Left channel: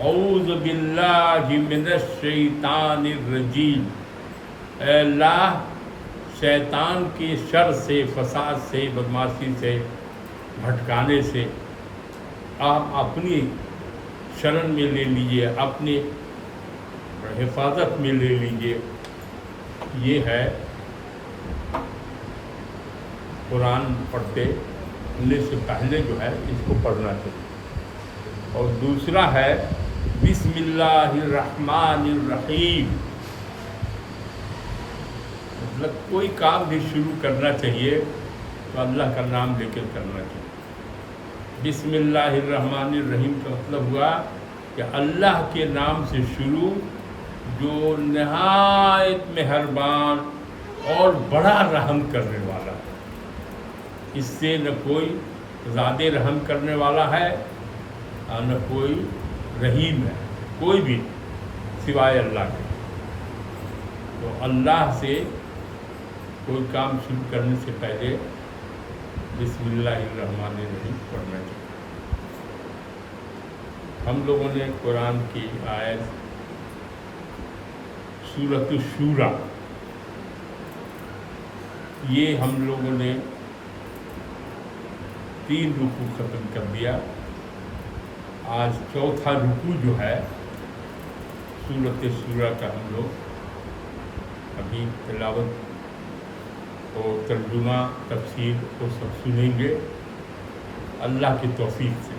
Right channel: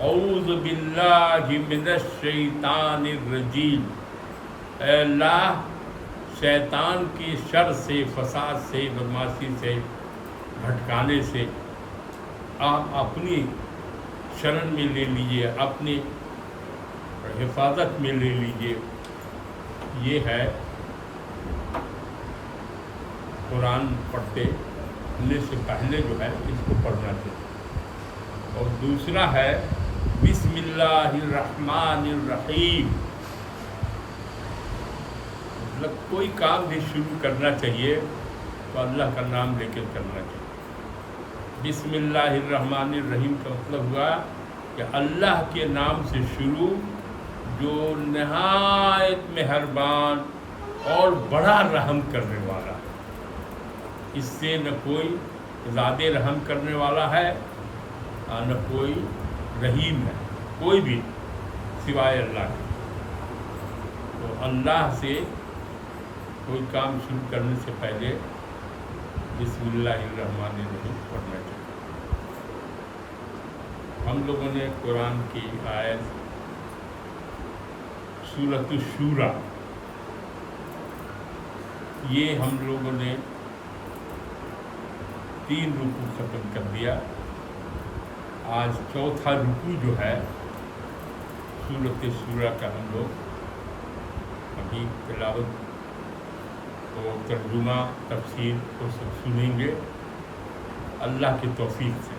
اعوذ باللہ من الشیطان الرجیم، اے اللہ شیطان کے شر سے، فساد سے، بدماشی سے، بھٹکانے سے آپ اپنی شرن میں لے لیجیے، اپنی حفاظت میں لے لیجیے۔ یہ ہے قرآن پڑھنے سے پہلے جو ہے اس کو پڑھنا چاہیے۔ اور دوسرا ہے بسم اللہ الرحمن الرحیم، مطلب کوئی کام بھی شروع کرنا چاہیے تو اللہ کا نام لے کے کرنا چاہیے۔ بسم اللہ الرحمن الرحیم کا مطلب ہوا کہ اللہ کے نام سے شروع، جو نہایت مہربان اور بڑا رحم کرنے والا ہے۔ اس سے نہ کوئی زیادہ رحم کرنے والا ہے اور نہ کوئی رحیم ہے، کوئی بھی سوائے اللہ کے۔ تو اللہ سے کوئی کام شروع کرنے سے پہلے بسم اللہ الرحمن الرحیم پڑھنا چاہیے۔ ہم لوگوں نے قرآن کی آیت سورۃ الشورى، یہ ہم لوگوں نے 3 رکوع ختم کر دیا۔ آج چوتھا رکوع جو ہے سورۃ الشورى کا ہم لوگ ابھی تلاوت اور ترجمہ، تفسیر کو سب سنیں گے اللہ کی توفیق سے۔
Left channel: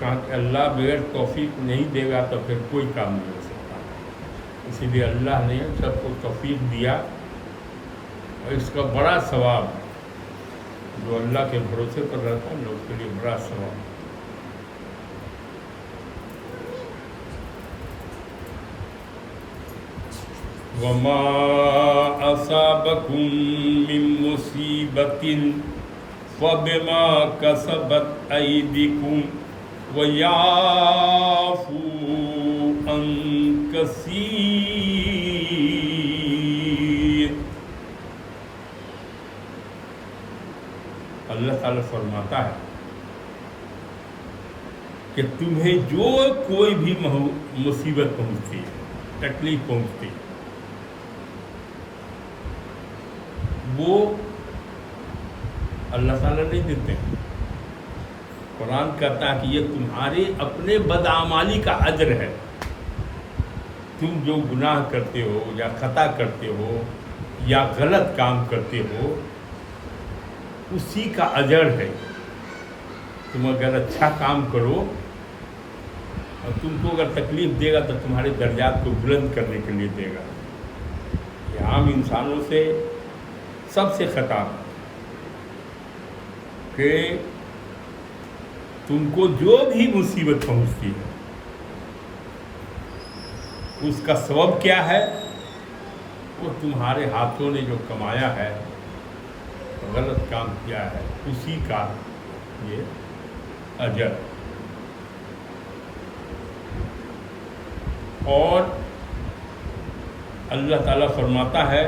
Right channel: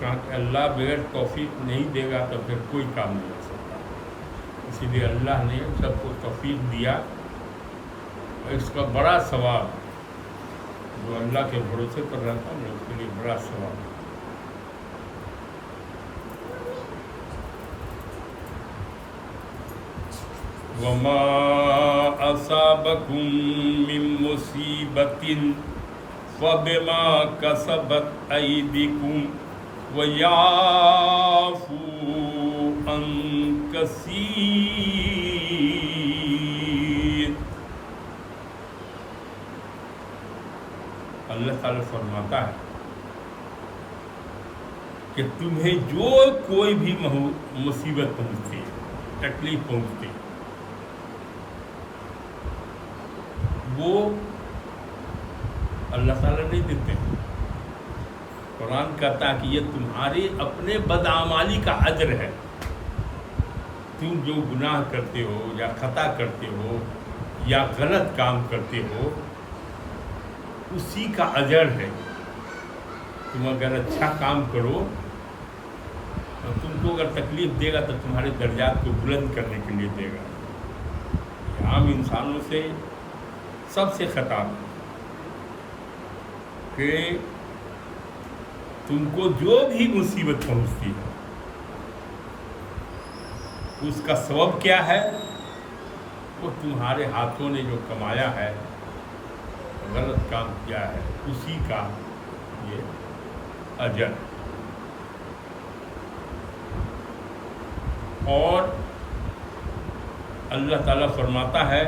کہا کہ اللہ بغیر توفیق نہیں دے گا تو پھر کوئی کام نہیں ہو سکتا، اسی لیے اللہ نے سب کو توفیق دیا، اور اس کا بڑا ثواب ہے۔ جو اللہ کے بھروسے پر رہتا ہے نا، اس کے لیے بڑا ثواب ہے۔ وَمَا أَصَابَكُم مِّن مُّصِيبَةٍ فَبِمَا كَسَبَتْ أَيْدِيكُمْ وَيَعْفُو عَن كَثِيرٍ۔ اللہ تعالیٰ فرماتا ہے کہ تمہیں جو کوئی بھی مصیبت پہنچتی ہے، تکلیف پہنچتی ہے، وہ اللہ تعالیٰ نہیں دیتے ہیں۔ قرآن کہتا ہے کہ یہ تمہارے اپنے بدعمالی کا اجر ہے۔ تم جو گناہ کرتے ہو یا خطا کرتے ہو یا غلط کام کرتے ہو، اسی کا اجر ہے۔ تم اگر اچھا کام کرو اور تم کو اگر تکلیف دے گا تو تمہارے درجات کو بلند کرنے کے لیے دے گا۔ یہ عام انسانوں سے سب سے خطاب ہے کہ تم کو جو بھی مصیبت پہنچتی ہے اس کا سبب کیا ہے؟ وہ تمہارے ہاتھوں نے جو کمایا ہے، غلط کام کیا ہے، اسی کا یہ اجر۔ اور اللہ تعالیٰ فرماتا ہے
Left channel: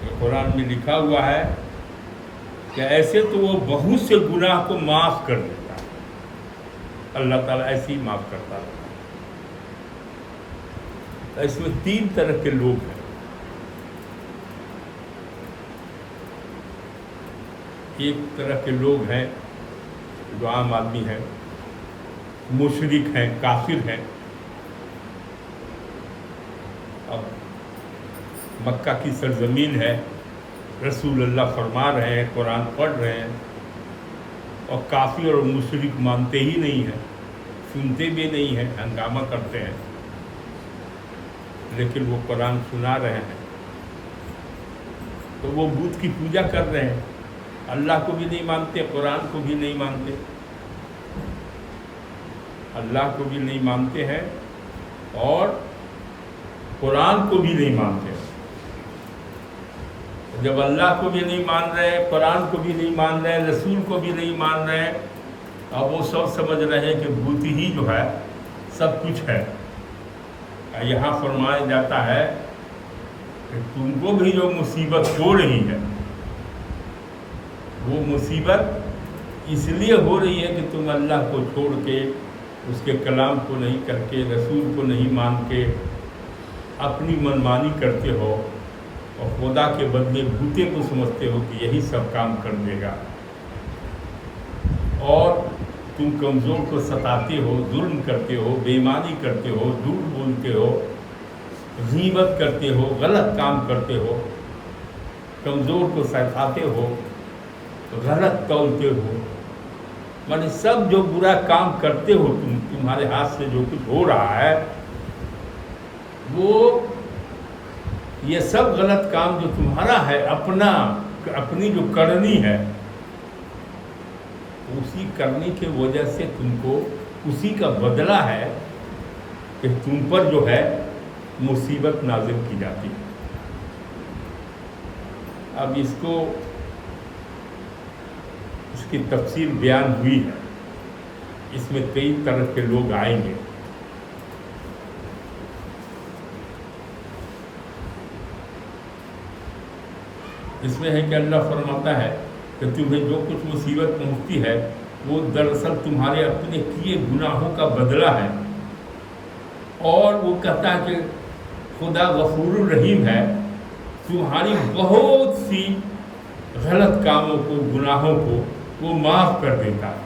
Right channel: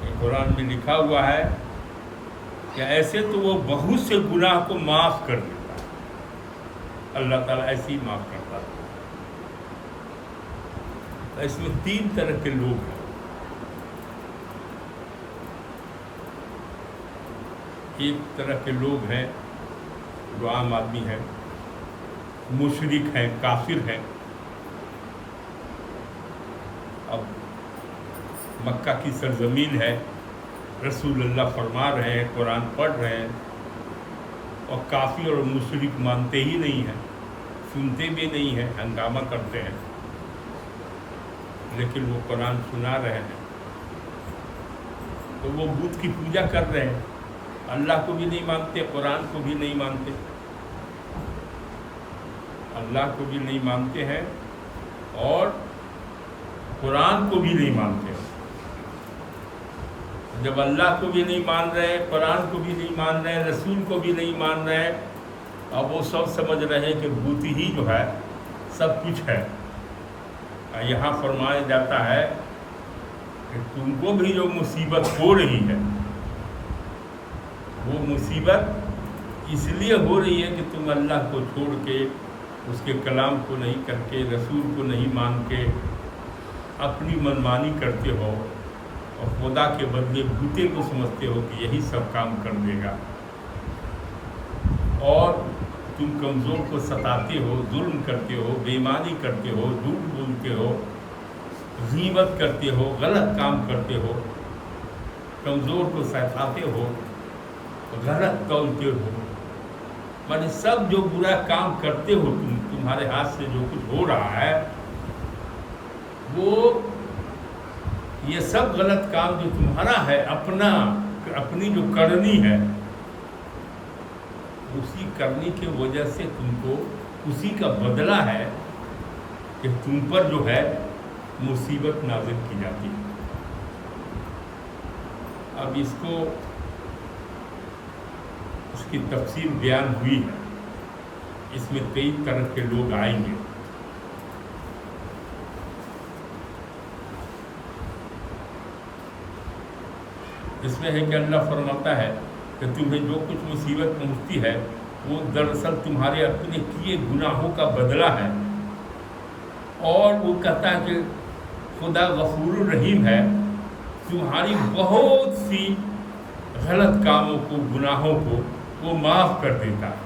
کہ قرآن میں لکھا ہوا ہے کہ ایسے تو وہ بہت سے گناہ کو معاف کر دیتا ہے۔ اللہ تعالیٰ ایسے ہی معاف کرتا ہے۔ اس میں 3 طرح کے لوگ ہیں۔ ایک طرح کے لوگ ہیں جو عام آدمی ہیں، مشرک ہیں، کافر ہیں۔ اب مکہ کی سرزمین ہے، رسول اللہ فرما رہے ہیں، قرآن پڑھ رہے ہیں، اور کافر اور مشرک مانتے ہی نہیں ہیں، سنتے بھی نہیں ہیں، ہنگامہ کرتے ہیں، لیکن وہ قرآن سنا رہے ہیں۔ تو وہ بت کی پوجا کر رہے ہیں، اللہ کو بھی نہیں مانتے، قرآن کو بھی نہیں مانتے، اللہ کو بھی نہیں مانتے ہیں اور قرآن کو بھی نہیں مانتے۔ جب اللہ کو بھی نہیں مان رہے، قرآن کو بھی نہیں مان رہے، رسول کو بھی نہیں مان رہے، اب وہ سب سمجھ رہے ہیں کہ بت ہی جو ہے سب کچھ ہے۔ یہاں فرمایا جاتا ہے کہ تم کو بھی جو مصیبت ہو رہی ہے، وہ مصیبت اس لیے ہو رہی ہے کہ تم اللہ کو چھوڑ کے اس کے کلام کو نہیں کر کے، رسول کو نہیں مان کے اپنی منمانی کرتے ہو اور خدا کے بدلے بھوتے کو سمجھتے ہو کہ یہی سب کام کر دے گا، اور تم کمزور کو ستاتے ہو، ظلم کرتے ہو، بے ایمانی کرتے ہو، جھوٹ بولتے ہو، غیبت کرتے ہو، غلط کام کرتے ہو، کمزور کو ستاتے ہو، غلط تولتے ہو، مانے سب جو برا کام کرتے ہو تمہارے ہاتھ سے جو کچھ ہو رہا ہے، وہ یہ سب غلط کام جو تمہارا ہے، اپنی جو کرنی ہے، اسی کرنے کی وجہ سے تم کو اسی کا بدلہ ہے کہ تم پر جو ہے مصیبت نازل کی جاتی ہے۔ اب اس کی تفصیل بیان ہوئی ہے، اس میں کئی طرح کے لوگ آئیں گے۔ اس میں ہے کہ اللہ فرماتا ہے کہ تمہیں جو کچھ مصیبت پہنچتی ہے وہ دراصل تمہارے اپنے کیے گناہوں کا بدلہ ہے، اور وہ کہتا ہے کہ خدا غفور الرحیم ہے، تمہاری بہت سی غلط کاموں کو، گناہوں کو وہ معاف کر دیتا ہے۔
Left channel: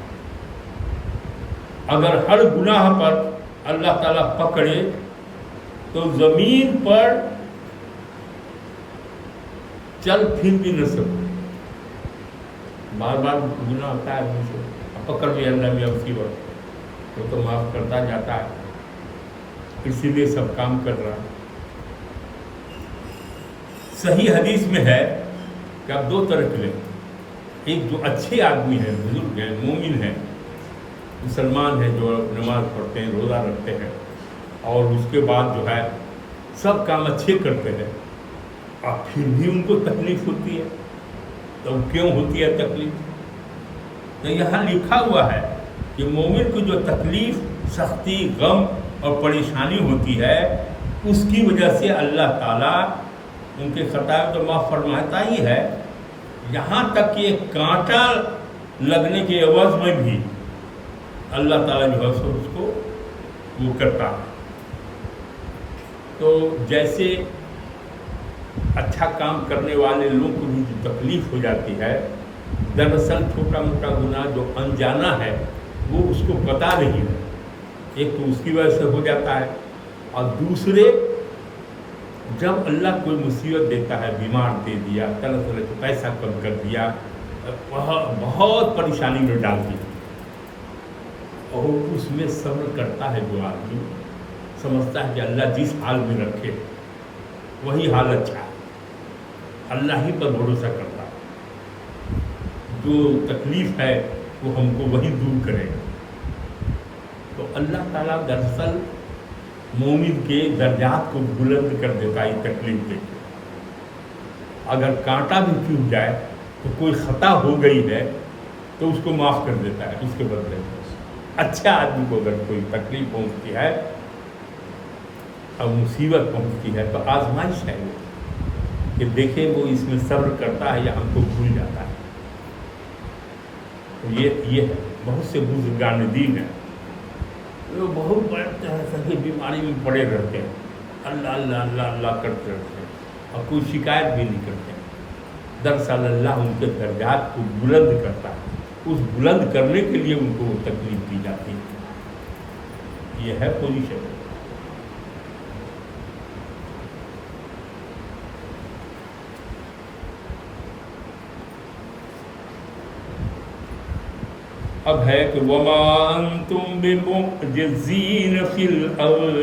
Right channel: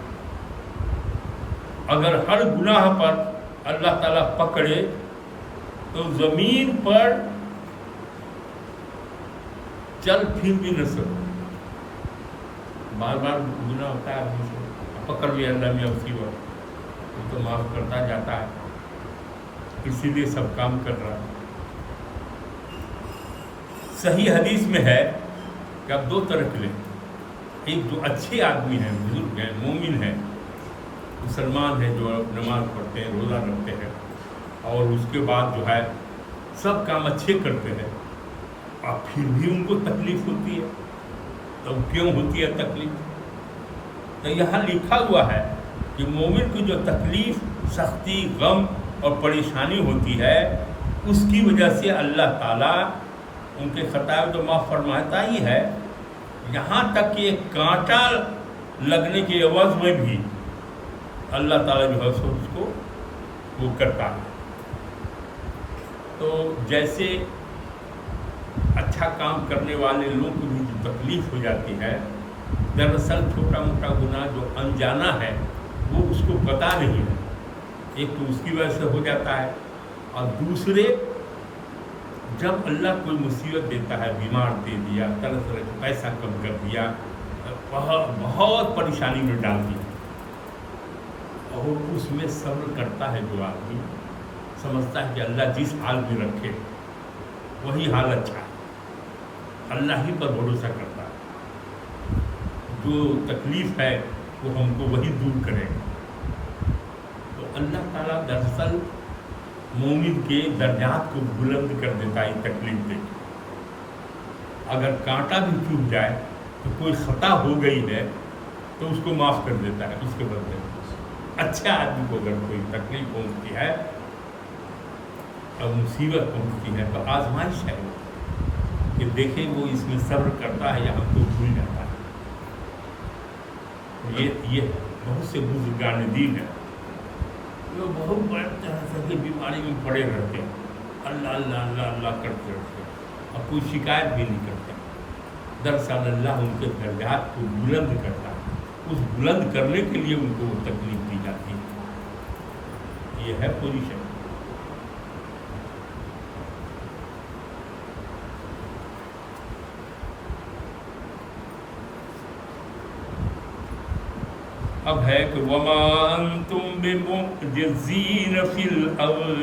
اگر ہر گناہ پر اللہ تعالیٰ پکڑے تو زمین پر چل پھر بھی نہ سکو۔ بار بار گناہ ہوتا ہے آدمی سے، پکڑ بھی اللہ میں اسی وقت وہ تو معاف کرتا جاتا ہے، اسی لیے سب کام کر رہا ہے۔ صحیح حدیث میں ہے کہ آپ دو طرح کے لیں، ایک جو اچھے آدمی ہیں، بزرگ ہیں، مومن ہیں، مسلمان ہیں، جو نماز پڑھتے ہیں، روزہ رکھتے ہیں، اور اس کے بعد جو ہے سب کام اچھے کرتے ہیں، اور پھر بھی ان کو تکلیف ہوتی ہے۔ تو کیوں ہوتی ہے تکلیف؟ تو یہاں لکھا ہوا ہے کہ مومن کو جو تکلیف، سختی، غم اور پریشانی ہوتی ہے، اس کی وجہ سے اللہ تعالیٰ ان کے خطائیں تو معاف فرماتا ہی ہے، یہاں تک کہ ایک کانٹا لگنے کے عوض میں بھی اللہ تعالیٰ جو ہے اس کو وہ کرتا ہے۔ تو جیسے اچھا کام کرنے والے لوگوں کو بھی جو تکلیف ہو جاتی ہے، دراصل چھوٹا موٹا گناہ جو انجانا ہے وہ اس کو پتہ نہیں ہے، ایک تو اس کی وجہ سے ہو جاتا ہے، اور دوسرے جب اللہ کوئی مصیبت دیتا ہے، بیمار دے دیا، طرح طرح کا پیسہ کم کر دیا، بہت پریشانی میں ڈال دیا، اور اس میں صبر کرتا ہے جو آدمی، سمجھتا ہے کہ اللہ جس حال میں رکھے وہی حال اچھا ہے، اللہ ہی پر بھروسہ کرتا ہے، جو تکلیف ہے وہ ہم کو وہی دور کرے گا۔ تو اللہ تعالیٰ دراصل مومن کے درجات کو بلند کر دیتا ہے تکلیف دے کے۔ اگر کانٹا بھی چوب جائے تو کوئی خطا ہو گئی ہے تو اس کو معاف کر دیتا ہے، اس کے بدلے اچھا آدمی کو اگر کوئی تکلیف پہنچتی ہے اور مصیبت پہنچتی ہے تو آزمائش ہے وہ، کہ دیکھیں وہ اس میں صبر کرتا ہے یا ہم کو بھول جاتا ہے۔ یہ ہے، بہت سے بزرگان دین ہیں وہ بہت بڑے طرح کی بیماری میں پڑے رہتے ہیں، اللہ اللہ اللہ اللہ کرتے رہتے ہیں اور کوئی شکایت بھی نہیں کرتے۔ دراصل اللہ ان کے درجات کو بلند کرتا ہے، اس بلند کرنے کے لیے ان کو وہ تکلیف دی جاتی ہے۔ یہ ہے پوزیشن۔ اب ہے کہ وَمَا أَنْتُمْ بِمُعْجِزِينَ فِي الْأَرْضِ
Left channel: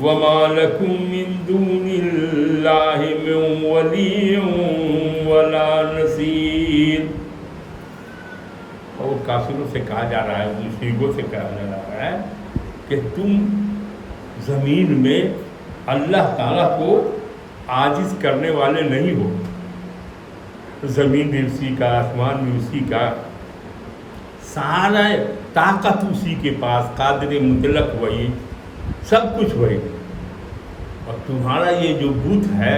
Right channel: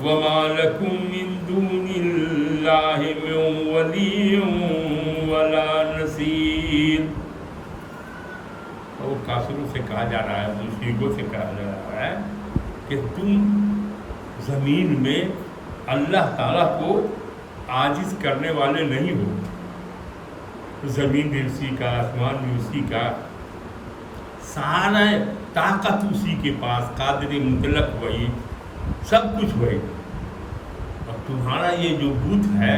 وَمَا لَكُمْ مِنْ دُونِ اللَّهِ مِنْ وَلِيٍّ وَلَا نَصِيرٍ۔ اور کافروں سے کہا جا رہا ہے، مشرکوں سے کہا جا رہا ہے کہ تم زمین میں اللہ تعالیٰ کو عاجز کرنے والے نہیں ہو، زمین بھی اسی کا، آسمان بھی اسی کا، سارا طاقت اسی کے پاس، قادر مطلق وہی، سب کچھ وہی، اور تمہارا یہ جو بت ہے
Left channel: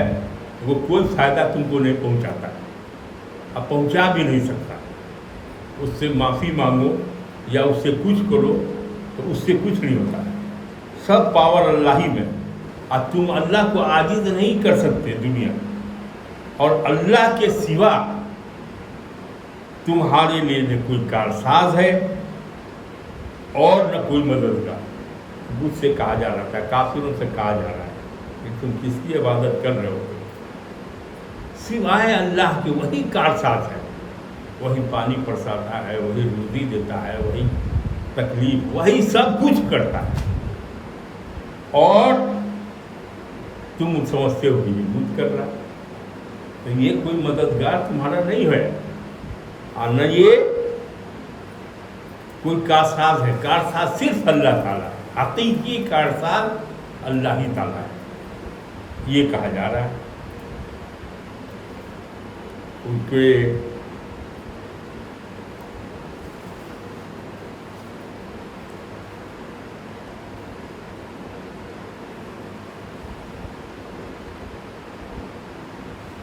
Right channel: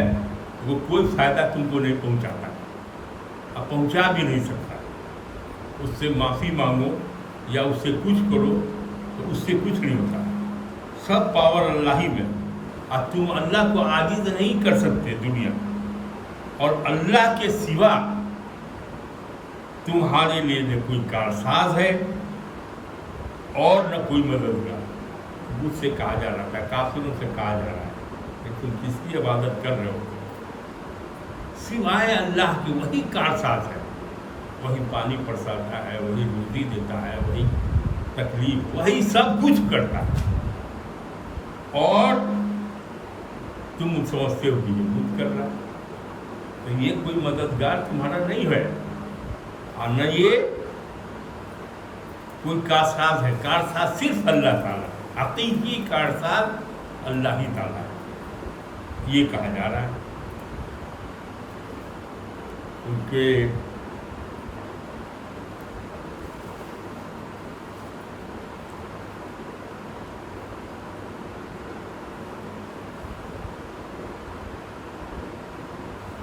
وہ کوئی فائدہ تم کو نہیں پہنچاتا، اب پہنچا بھی نہیں سکتا۔ اس سے معافی مانگو یا اس سے کچھ کرو تو اس سے کچھ نہیں ہوتا، سب پاور اللہ ہی میں، اور تم اللہ کو عاجز نہیں کر سکتے دنیا، اور اللہ کے سوا تمہارے لیے نہ کوئی کارساز ہے اور نہ کوئی مددگار۔ مجھ سے کہا جا رہا تھا، کافروں سے کہا جا رہا ہے کہ تم کس کی عبادت کر رہے ہو؟ سوائے اللہ کے وہی کارساز ہے، وہی پانی برساتا ہے، وہی روزی دیتا ہے، وہی تکلیف، وہی سب کچھ کرتا ہے، اور تم سمجھتے ہو کہ یہ خود کر رہا ہے۔ تو یہ کوئی مددگار تمہارا نہیں ہے، اور نہ یہ کوئی کارساز ہے۔ کارساز صرف اللہ تعالیٰ ہے، حقیقی کارساز اللہ ہی تعالیٰ ہے، یہ کہا جا رہا ہے۔ ان کے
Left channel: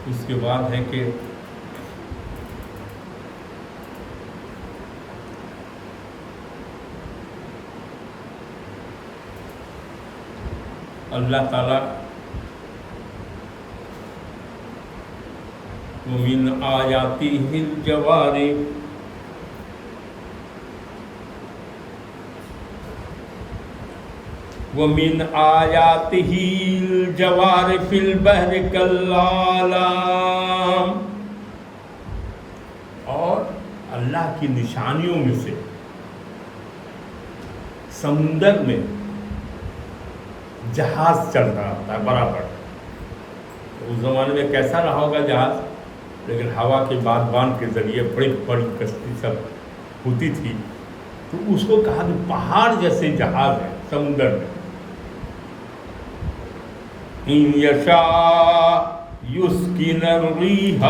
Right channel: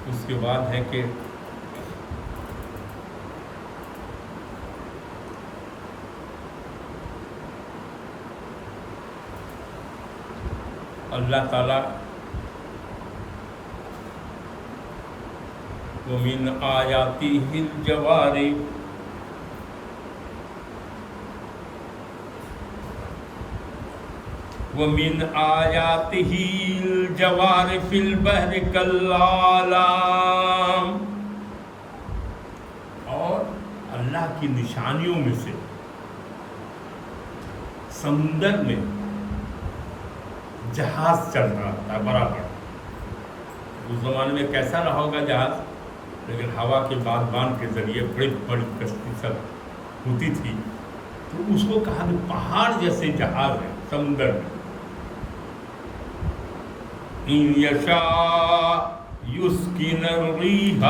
اس کے بعد ہے کہ اللہ تعالیٰ وَمِنْ آيَاتِهِ الْجَوَارِ وَمِنْ آيَاتِهِ الْجَوَارِ فِي الْبَحْرِ كَالْأَعْلَامِ، اور اللہ کی نشانیوں میں سے سمندر میں جہاز چل رہا تھا برابر۔ اس زمانے میں کیسا رہا ہوگا جہاز، لیکن ہوا کے بادبان کے ذریعے بڑی بڑی کشتی سب ہوتی تھی، تو اس کو کہا کہ پہاڑ جیسے جہاز ہے سمندر میں۔ إِن يَشَاء يُسْكِنَ الرِّيحَ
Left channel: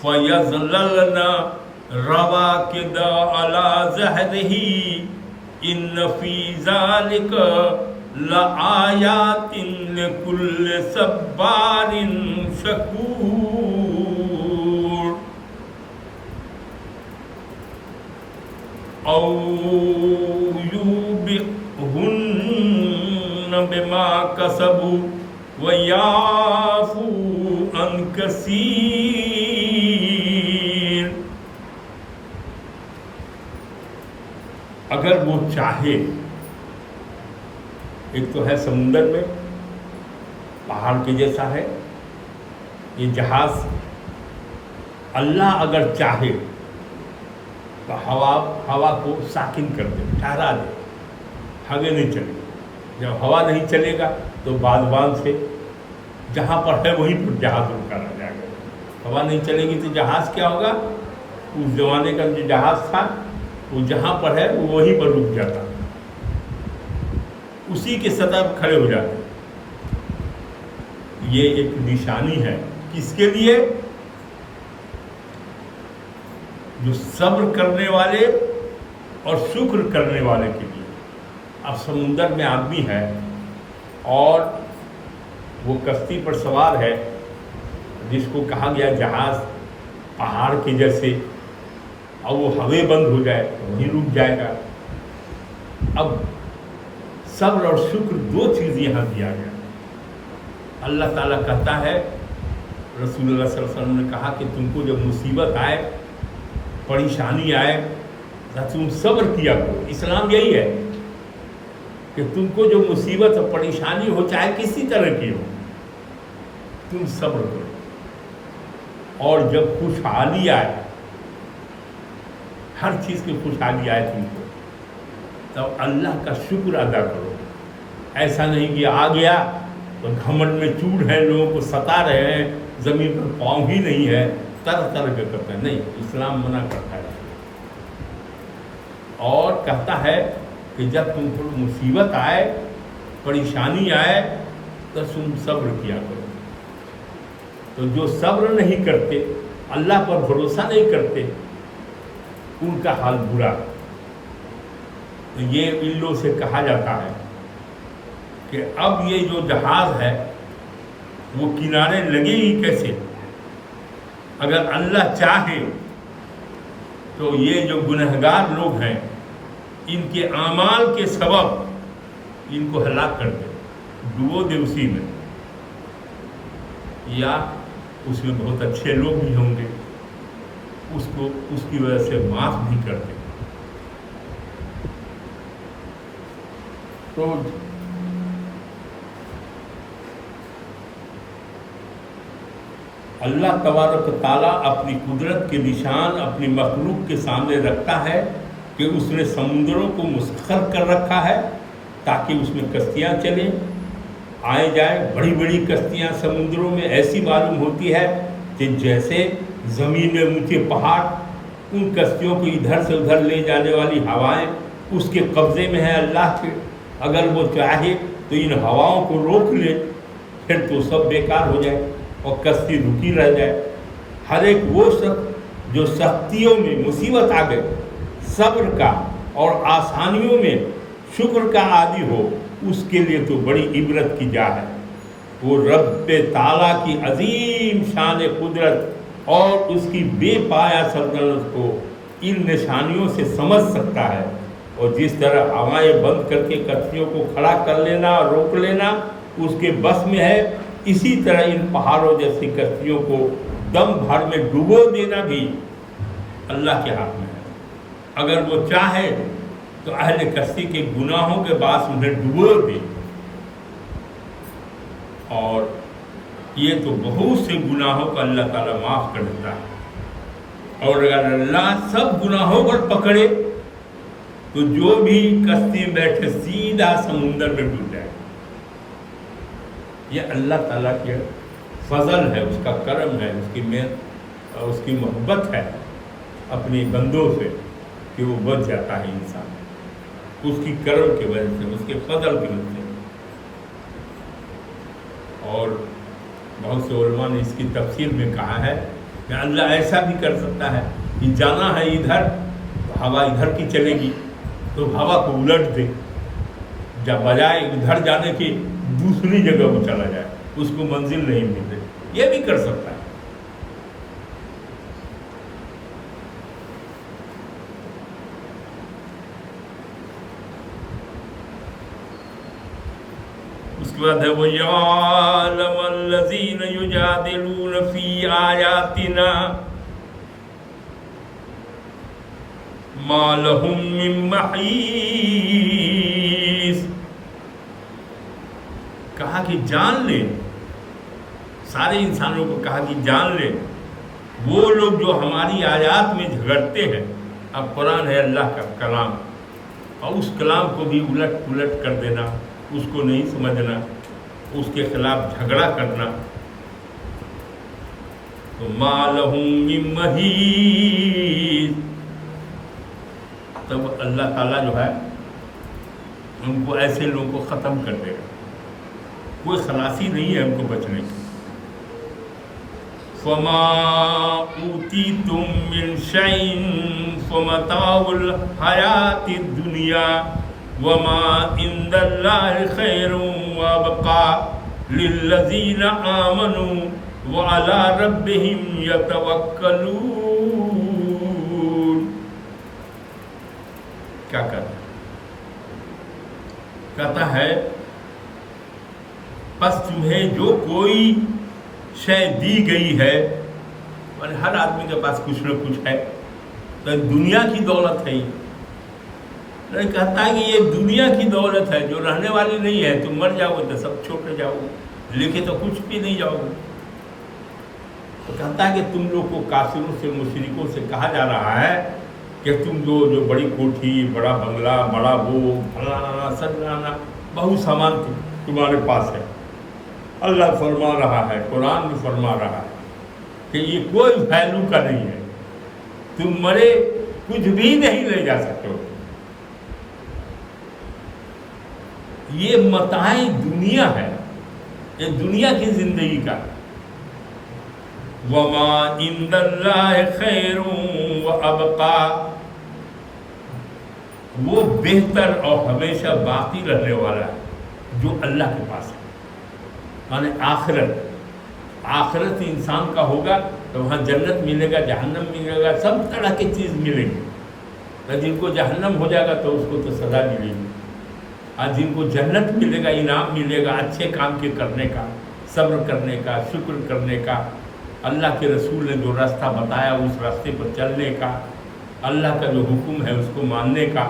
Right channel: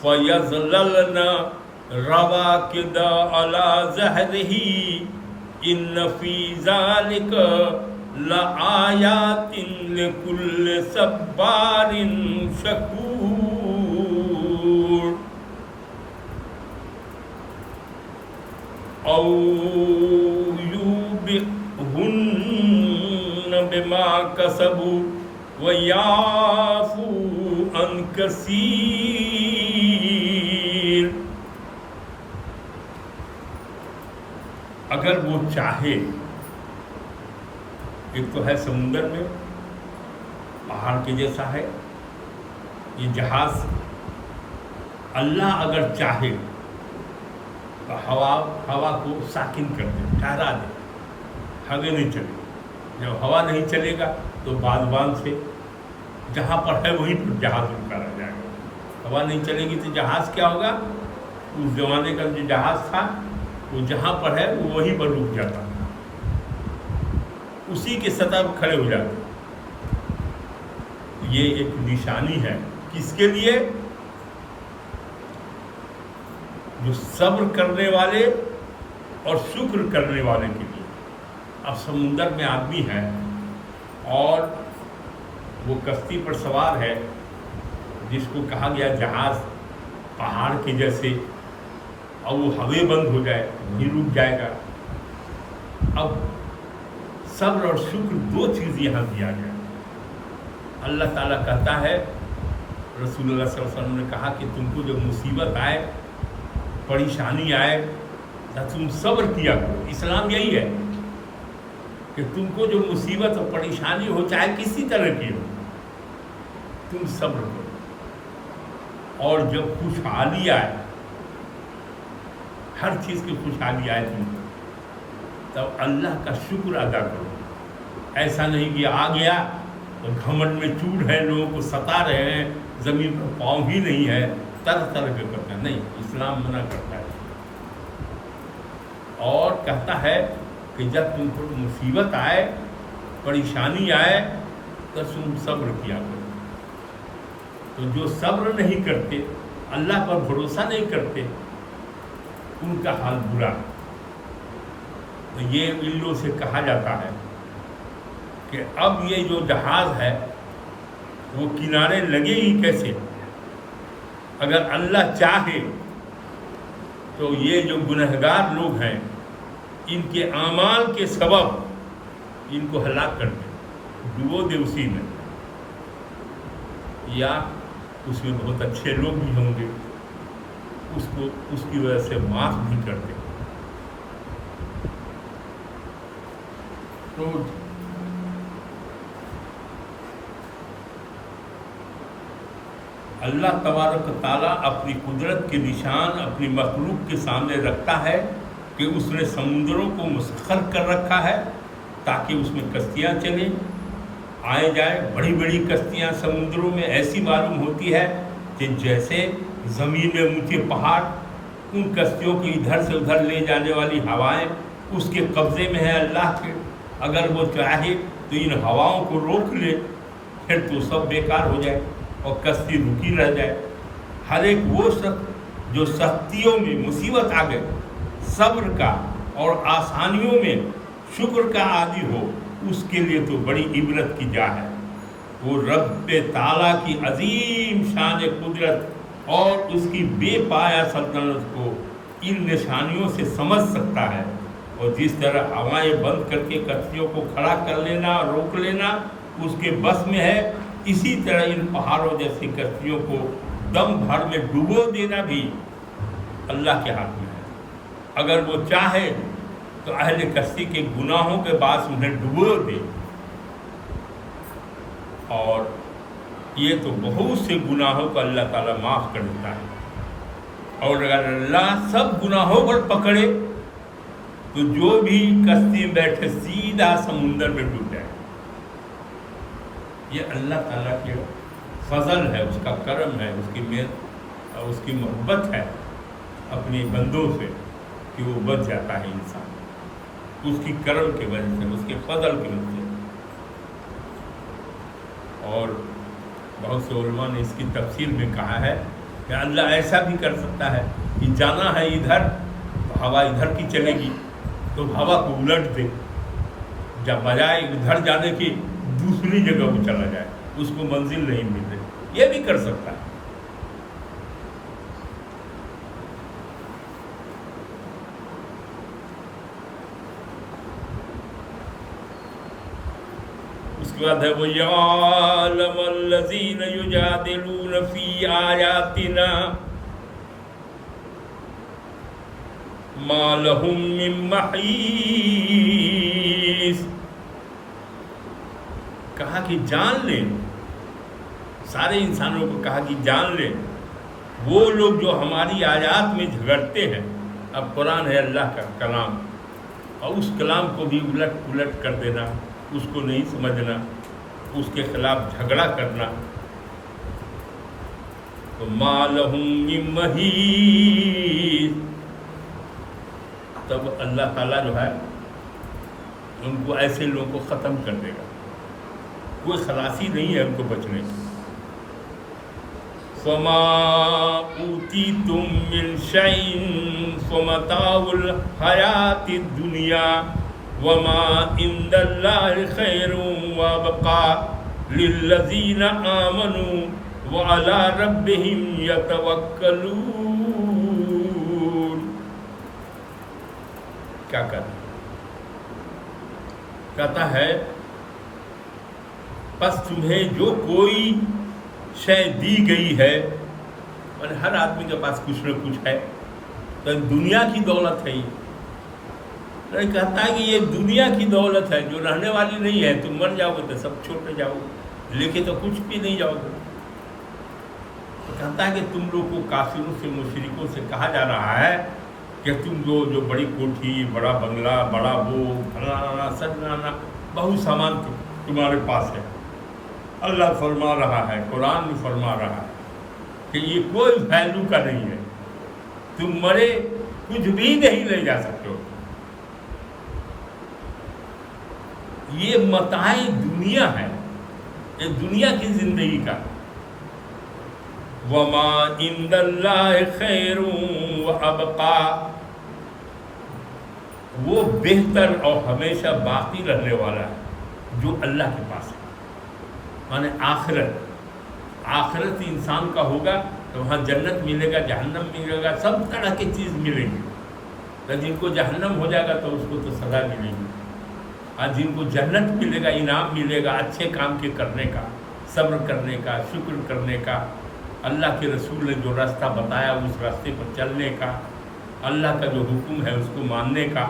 فَيَظْلَلْنَ رَوَاكِدَ عَلَى ظَهْرِهِ إِنَّ فِي ذَلِكَ لَآيَاتٍ لِكُلِّ صَبَّارٍ شَكُورٍ۔ أَوْ يُوبِقْهُنَّ بِمَا كَسَبُوا وَيَعْفُو عَنْ كَثِيرٍ۔ اگر وہ چاہے، ایک تو ہے سمندر میں پہاڑ کے جیسا ہے یہ جہاز، اللہ اگر چاہے تو ہوا کو ساکن کر دے، ٹھہرا دے، آگے نہیں چلے۔ جب ہوا نہیں چلے گا تو بادبان سے جہاں پر ہے وہیں پر جہاز رکا رہ جائے گا۔ ہوا نہیں چلے گی تو جہاز کیا ہوگا؟ اس زمانے کا جو جہاز تھا وہ جہاں پر ہے وہ وہیں پر رک جاتا، اسی کے سطح پر کھڑے ہو جاتے۔ یہ ایک نشانی ہے کس کے لیے؟ جو صبر کرنے والے اور شکر کرنے والے کے لیے۔ اب سمندر میں آدمی ہے اور وہ کشتی پر سوار ہے، جس کو کہا گیا جہاز پہاڑ کے جیسے، اور وہ ہوے بند ہو جائے تو وہیں رک جائے گا۔ اب صبر اور شکر دو چیز یہاں دیا گیا۔ اللہ تعالیٰ کہتا ہے، رسول اللہ صلی اللہ علیہ وسلم نے کہا کہ تم کو جب مصیبت آئے، پریشانی آئے، تو تم صبر کیا کرو۔ اسلام یہی ہے کہ تم کو جو مصیبت اور پریشانی ہو، چاہے کسی طرح کی ہو، تم صبر کرو، اور جب خوشحالی آئے، ہر چیز کی خوشحالی آئے تم کو، تب اللہ کا شکر ادا کرو۔ ایسا نہیں کہ آ گیا تو گھمنڈ میں چوڑ ہے، لوگوں کو ستا رہے ہیں، زمین پر پاؤں ہی نہیں ہے، طرح طرح کا کرتا ہے۔ نہیں، اسلام منع کرتا ہے، اور کہتا ہے کہ جب تم کو مصیبت آئے، پریشانی آئے، تو تم صبر کیا کرو۔ تو جو صبر نہیں کرتے، اللہ پر بھروسہ نہیں کرتے، ان کا حال برا ہے۔ تو یہ ان لوگوں سے کہا جاتا ہے کہ اب یہ جو جہاز ہے وہ کنارے لگے ہی کیسے؟ اگر اللہ چاہے تو یہ جو گنہگار لوگ ہیں ان کے اعمال کے سبب ان کو ہلاک کر دے، ڈبو دے اسی میں، یا اس میں بہت اچھے لوگ بھی ہوں گے اس کو اس کی وجہ سے معاف بھی کر دے۔ تو اللہ تبارک و تعالیٰ اپنی قدرت کے نشان اپنی مخلوق کے سامنے رکھتا ہے کہ اس نے سمندروں کو مسخر کر رکھا ہے تاکہ اس میں کشتیاں چلیں، آئے جائے۔ بڑی بڑی کشتیاں سمندروں میں ایسی معلوم ہوتی ہے کہ جیسے زمین میں اونچے پہاڑ، ان کشتیوں کو ادھر سے ادھر لے جانے والی ہوائیں اس کے قبضے میں ہے اللہ کے۔ اگر وہ چاہے تو ان ہواؤں کو روک لے، پھر تو سب بیکار ہو جائے اور کشتی رکی رہ جائے۔ ہر ایک وہ شخص جو سختیوں میں مصیبت آ گئے صبر کا اور آسانیوں میں شکر کا عادی ہو، اس کے لیے تو بڑی عبرت کی جا ہے۔ وہ رب تعالیٰ کی عظیم شان قدرت اور اس کی بے پایا سلطنت کو ان نشانیوں سے سمجھ سکتا ہے، اور جس طرح ہوائیں بند کر کے کشتیوں کو کھڑا کر لینا اور روک لینا اس کے بس میں ہے، اسی طرح ان پہاڑوں جیسی کشتیوں کو دم بھر میں ڈبو دینا بھی اللہ کے ہاتھ میں ہے۔ اگر وہ چاہے تو اہل کشتی کے گناہوں کے باعث انہیں ڈبو دے، اور یہ تو بہت سے گناہوں کو اللہ تعالیٰ معاف کر دیتا ہے۔ اور اگر اللہ سب گناہوں پر پکڑے تو جو بھی کشتی میں بیٹھے سیدھا سمندر میں ڈوب جائے۔ یہ اللہ تعالیٰ کے فضل ہے، اس کا کرم ہے، اس کی محنت اور اس کی محبت ہے اپنے بندوں سے کہ وہ بچ جاتا ہے انسان، اس کی کرم کی وجہ سے، اس کے فضل کی وجہ سے۔ اور بہت سے علماء نے اس کی تفسیر میں کہا ہے کہ اللہ ایسا بھی کر سکتا ہے کہ جانا ہے ادھر، ہوا ادھر کی چلے گی تو ہوا کو الٹ دے، جب بجائے ادھر جانے کی دوسری جگہ وہ چلا جائے، اس کو منزل نہیں مل رہی، یہ بھی کر سکتا ہے۔ اس کے بعد ہے وَيَعْلَمَ الَّذِينَ يُجَادِلُونَ فِي آيَاتِنَا مَا لَهُم مِّن مَّحِيصٍ۔ کہا کہ جان لے، سارے انسانوں کو کہا کہ جان لے وہ لوگ جو ہماری آیات میں جھگڑتے ہیں۔ اب قرآن ہے اللہ کا کلام، اور اس کلام کو بھی الٹ پلٹ کر دینا، اس کو نہیں سمجھنا، اس کے خلاف جھگڑا کرنا، تو ما لہم من محیص، تب اللہ تعالیٰ جو ہے ان کو ایسے لوگوں کو ختم کر دے گا، کوئی خلاصی نہیں ہے ان کو بچنے کی۔ فَمَا أُوتِيتُم مِّن شَيْءٍ فَمَتَاعُ الْحَيَاةِ الدُّنْيَا وَمَا عِندَ اللَّهِ خَيْرٌ وَأَبْقَىٰ لِلَّذِينَ آمَنُوا وَعَلَىٰ رَبِّهِمْ يَتَوَكَّلُونَ۔ کیا کہتا ہے پس تمہیں جو کوئی شے دی گئی ہے، اور ہر آدمی کے پاس کچھ نہ کچھ ہے، تو دنیا کی دولت ہے یہ کہتا ہے کہ یہ دنیا کی دولت ہے جو رہنے والی نہیں ہے، تم مر جاؤ گے تو سب چھوڑ جاؤ گے، لے کے تو کچھ بھی نہیں جاؤ گے۔ تو کہتا ہے کہ تم لوگ کو کافروں سے مشرکوں سے کہا جا رہا ہے کہ تم جو بڑی کوٹھی، بڑا بنگلہ، بڑا وہ فلانا سلانا بہت سامان تمہارے پاس ہے۔ اللہ فرما رہا ہے، قرآن بھی فرما رہا ہے کہ یہ کوئی ویلیو کا نہیں ہے، تم مرے کچھ بھی نہیں لے جا سکتے ہو، یہ متاع دنیا ہے، یہ دنیا کی زندگی کا۔ وَمَا عِندَ اللَّهِ خَيْرٌ وَأَبْقَىٰ، وہ بہتر اور ہمیشہ باقی رہنے والا ہے جو اللہ کے پاس ہے، یعنی آخرت انسان کا ہوگا تو وہاں جنت ملے گا، جہنم ملے گا، سب طرح کی چیز ملیں گی، تو جن کو جہنم ہو جائے گا تو اس کو تو سزا ملے گی، اور جن کو جنت ملے گا، انعام ملے گا اچھے کام کے کرنے کا، صبر کرنے کا، شکر کرنے کا، اللہ کے رسول نے جو راستہ بتایا اس راستے پر چلنے کا، اللہ کا جو حکم ہے اس کو ماننے کا،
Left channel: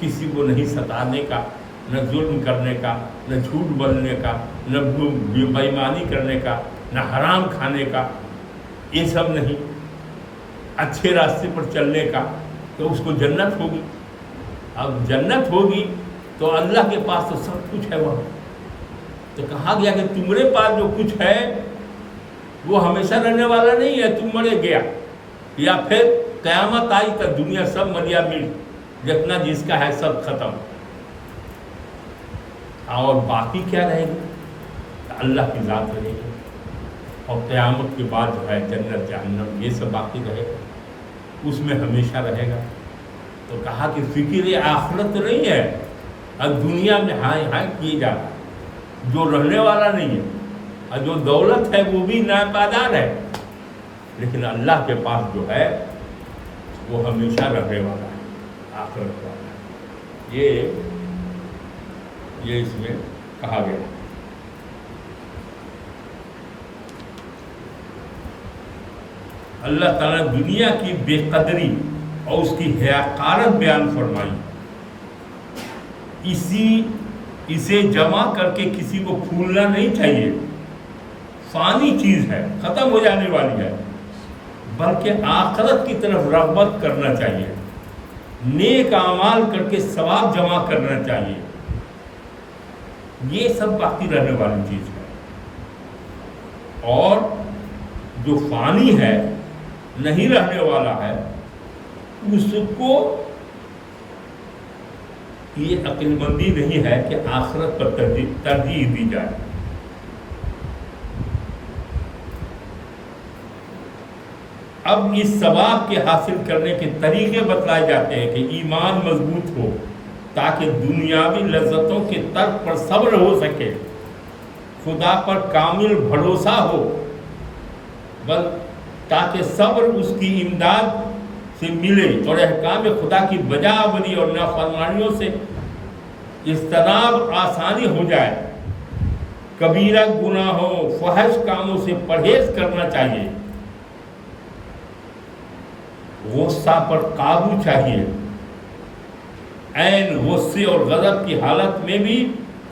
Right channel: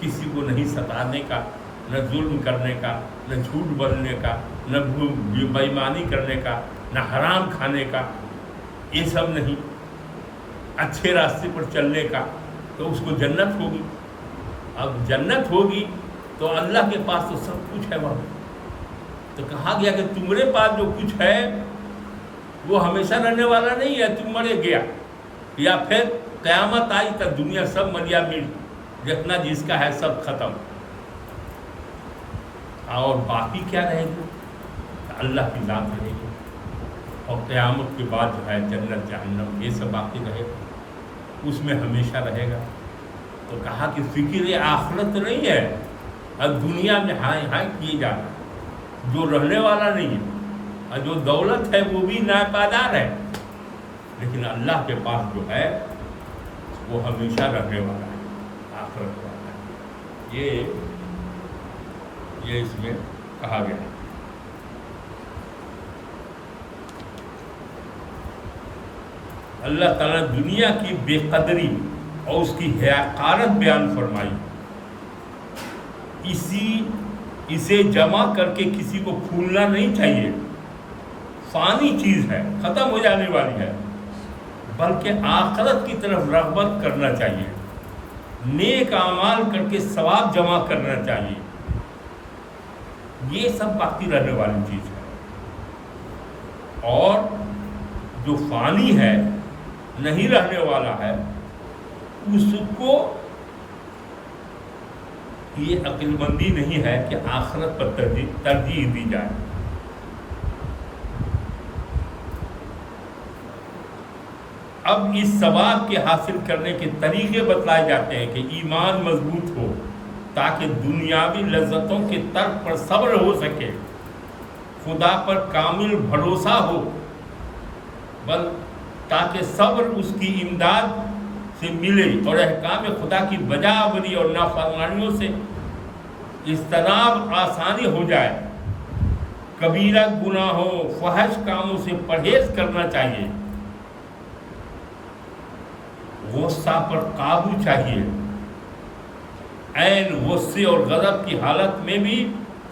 کسی کو نہیں ستانے کا، نہ ظلم کرنے کا، نہ جھوٹ بولنے کا، نہ بے ایمانی کرنے کا، نہ حرام کھانے کا، یہ سب نہیں، اچھے راستے پر چلنے کا، تو اس کو جنت ہوگی۔ اب جنت ہوگی تو اللہ کے پاس تو سب کچھ ہے وہاں، تو کہا گیا کہ تمہارے پاس جو کچھ ہے وہ ہمیشہ رہنے والا نہیں ہے، تم مرے گیا، یا پھر قیامت آئی تو دنیا سب مریا مل، جتنا جس کا ہے سب ختم، اور باقی کیا رہے گی؟ اللہ کی ذات رہے گی، اور قیامت کے بعد جو ہے جنت جہنم یہ سب باقی رہے گا، اس میں ہمیشہ رہے گا۔ تو کہا کہ فکر آخرت نہیں ہے، اب دنیا میں ہائے ہائے کیے جانا، جو رہنے والا نہیں ہے، اور جو دولت ہے وہ بھی ناپائیدار ہے، لیکن اللہ کے پاس جو ہے وہ ہمیشہ رہنے والا ہے، آخرت والا ہے۔ یہ اس میں کہا گیا۔ اللہ تعالیٰ نے دنیا کی بے قدری اور اس کی حقارت بیان فرمائی، اسے جمع کر کے کسی کو پھولنا نہیں چاہیے، فانی چیز ہے، ختم ہو جانے والی ہے، بلکہ آخرت کی طرف رغبت کرنا چاہیے، نیک اعمال کر کے ثواب جمع کرنا چاہیے، یہ سب باقی رہنے والی چیز ہے۔ اور جو فانی ہے، نہیں رہنے والا ہے، اس کو یہ عقل مندی نہیں ہے کہ آخرت پر ترجیح دی جائے۔ اب اس ثواب کے حاصل کرنے کے طریقے بتلائے جاتے ہیں کہ ایمان مضبوط ہو تاکہ دنیاوی لذتوں کے ترک پر صبر ہو سکے، خدا پر کامل بھروسہ ہو، تاکہ صبر اس کی امداد سے ملے اور احکام خدا کی بجا آوری اور نافرمانیوں سے اجتناب آسانی ہو جائے، کبیرہ گناہوں فحش کاموں سے پرہیز کرنا چاہیے، غصہ پر قابو چاہیے، عین غصے اور غضب کی حالت میں بھی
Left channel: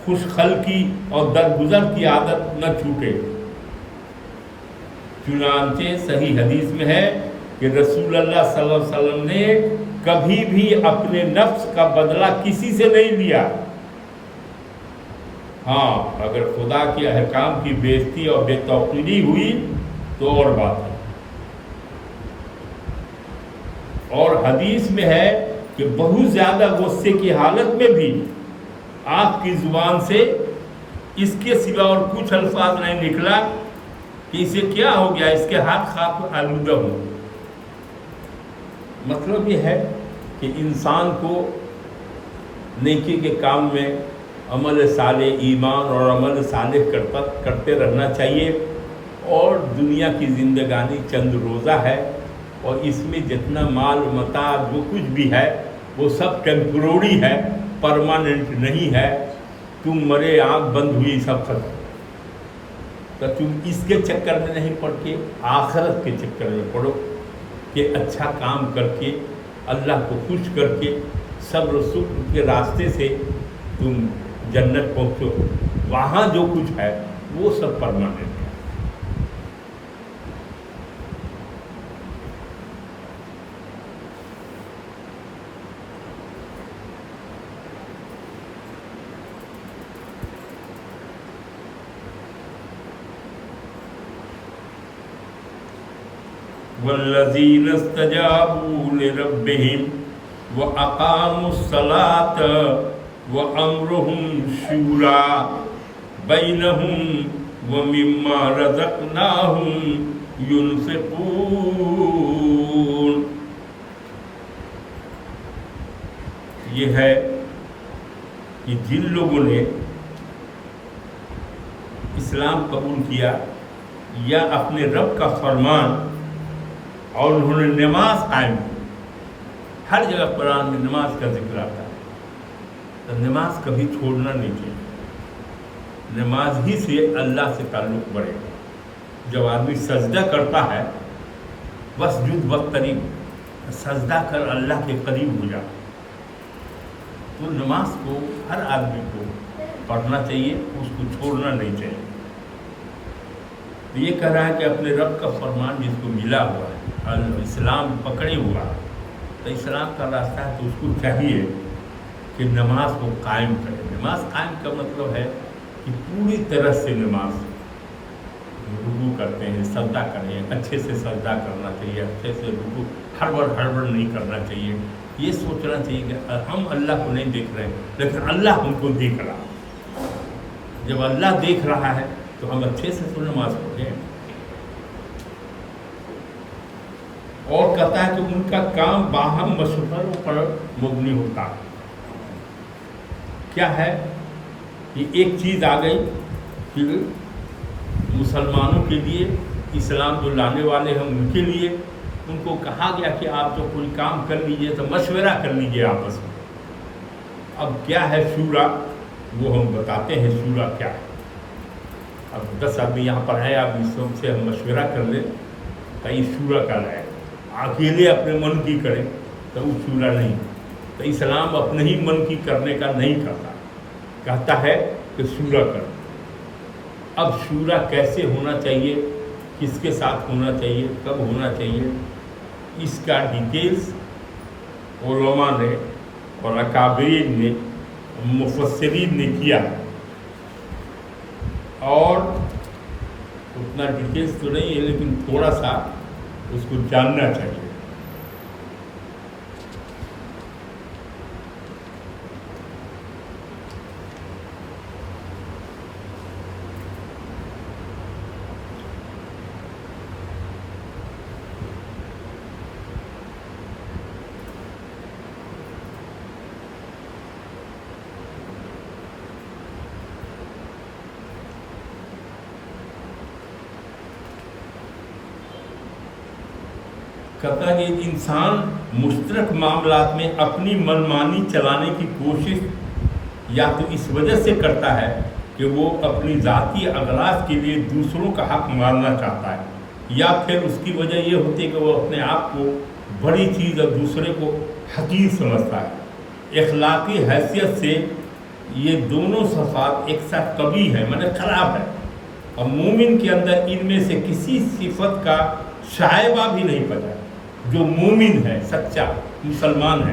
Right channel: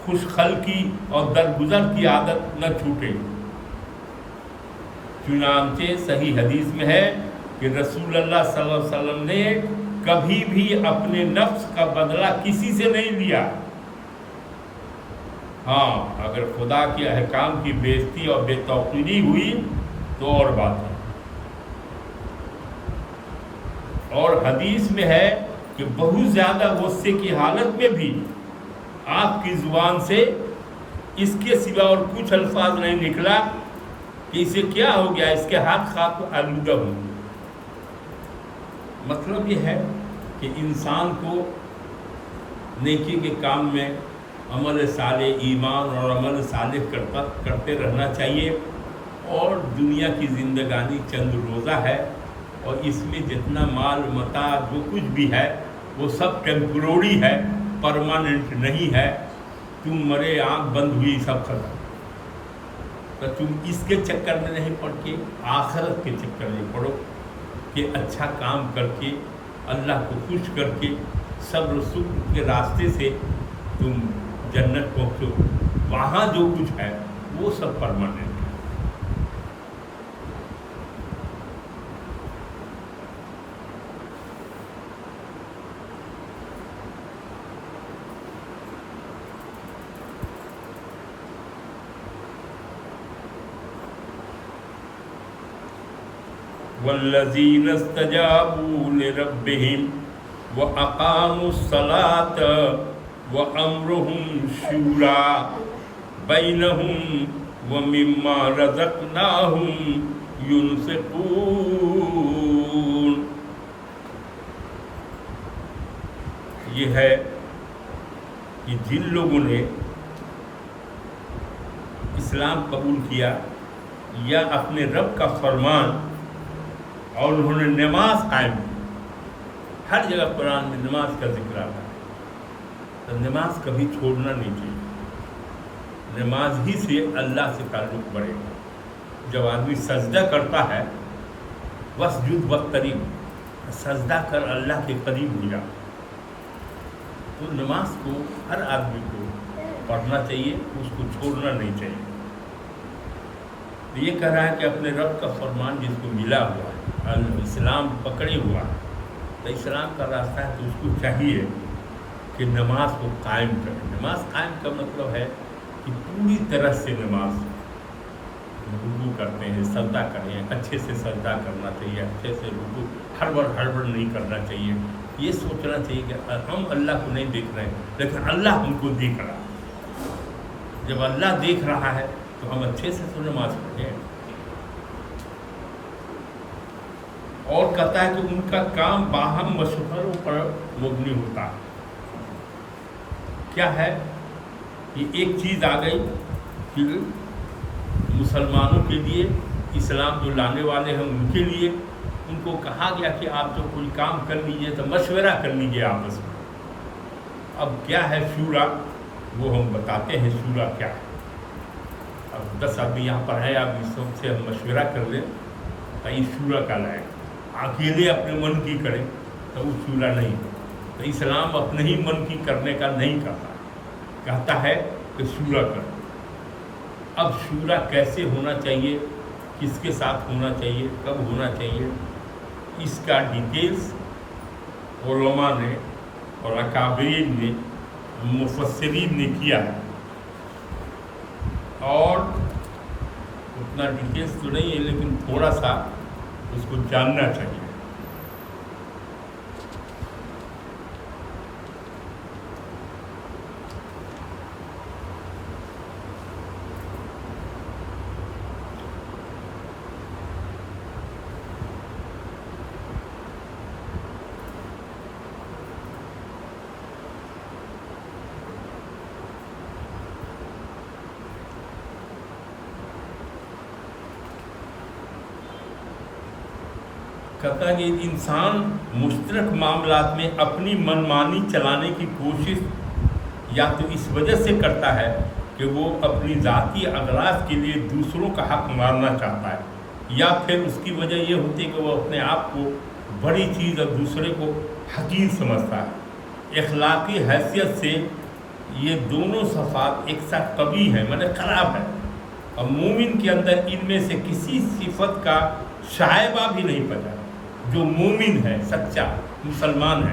خوش خلقی اور درگزر کی عادت نہ چھوٹے۔ چنانچہ صحیح حدیث میں ہے کہ رسول اللہ صلی اللہ علیہ وسلم نے کبھی بھی اپنے نفس کا بدلہ کسی سے نہیں لیا، ہاں اگر خدا کے احکام کی بے عزتی اور بے توقیری ہوئی تو اور بات ہے۔ اور حدیث میں ہے کہ بہت زیادہ غصے کی حالت میں بھی آپ کی زبان سے اس کے سوا اور کچھ الفاظ نہیں نکلا کہ اسے کیا ہو گیا، اس کے ہاتھ خاک آلودہ ہو۔ مطلب یہ ہے کہ انسان کو نیکی کے کام میں عمل صالح، ایمان اور عمل صالح کرتے رہنا چاہیے، اور دنیا کی زندگانی چند روزہ ہے، اور اس میں جتنا مال متاع جو کچھ بھی ہے وہ سب ٹیمپروری ہے، پرماننٹ نہیں ہے۔ تم مرے، آنکھ بند ہوئی، سب ختم، تو تم اس کے چکر میں نہیں پڑ کے آخرت کے چکر میں پڑو کہ اچھا کام کر کے اللہ کو خوش کر کے صبر و شکر کے راستے سے تم جنت پہنچو، وہاں جو کچھ ہے وہ سب پرماننٹ ہے۔ والذین استجابوا لربهم وأقاموا الصلاة وأمرهم شورى بينهم ومما رزقناهم ينفقون۔ یہ ہے کہ جن لوگوں نے اسلام قبول کیا یا اپنے رب کا فرمان اور انہوں نے نماز قائم کی، ہر جگہ قرآن میں نماز کا ذکر آتا ہے، تو نماز کبھی چھوڑنا نہیں چاہیے، نماز ہی سے اللہ سے تعلق بڑھے گا۔ جب آدمی سجدہ کرتا ہے وسجد واقترب، سجدہ کر اللہ کے قریب ہو جا، تو نماز کو ہر آدمی کو پڑھنا چاہیے، اس کو چھوڑنا نہیں چاہیے۔ تو یہ کہہ رہا ہے کہ اپنے رب کا فرمان جس کو ملا ہوا ہے، اسلام پکڑے ہوا ہے، تو اسلام کا راستہ ہے، تو اس کو چاہیے کہ نماز کو قائم کرے۔ نماز قائم کا مطلب ہے کہ پوری طرح سے نماز رکوع کرتے ہیں، سجدہ کریں، اچھے سے سجدہ کرنا چاہیے، اچھے سے رکوع، ہڑبڑ نہیں کرنا چاہیے۔ یہ سوچنا چاہیے کہ ہم اللہ کو نہیں دیکھ رہے ہیں لیکن اللہ ہم کو دیکھ رہا ہے۔ جب اللہ دیکھ رہا ہے تو ہم اچھے سے تو نماز پڑھیں۔ اور کہتا ہے کہ ان کا کام باہم مشوروں پر مبنی ہوتا ہے۔ کیا ہے کہ ایک چیز آ گئی کہ مسلمانوں کے لیے، اسلام جو لانے والے ہیں ان کے لیے، ان کو کہا گیا کہ آپ جو کوئی کام کر لیجئے تو مشورہ کر لیجئے آپس میں۔ اب کیا ہے شورا، وہ ہم بتاتے ہیں شورا کیا ہے۔ اب 10 آدمی یہاں پر ہے، آپ اس سے ہم مشورہ کر لیں تو یہ شورا کا لائے، اکیلے اپنے من کی کریں تو وہ شورا نہیں۔ تو اسلام اپنے ہی من کی کرنے کا نہیں کرتا، کہتا ہے کہ شورا کرو۔ اب شورا کیسے ہونا چاہیے، کس کے ساتھ ہونا چاہیے، کب ہونا چاہیے، اس کا ڈیٹیلز علماء نے اور اکابرین نے، مفسرین نے کیا ہے، اور اتنا ڈیٹیلز تو نہیں ہے لیکن تھوڑا سا اس کو جاننا چاہیے۔ کہتا ہے کہ انسان مشترک معاملات میں اپنی منمانی چلانے کی کوشش یا تو اس وجہ سے کرتا ہے کہ وہ اپنی ذاتی اغراض کے لیے دوسروں کا حق ماننا چاہتا ہے، یا پھر اس کی وجہ یہ ہوتی ہے کہ وہ اپنے آپ کو بڑی چیز اور دوسرے کو حقیر سمجھتا ہے۔ اخلاقی حیثیت سے یہ دونوں صفات ایک ساتھ قبیح ہیں، معنی خراب ہے، اور مومن کے اندر ان میں سے کسی صفت کا شائبہ بھی نہیں پتا۔ جو مومن ہے، سچا مسلمان ہے،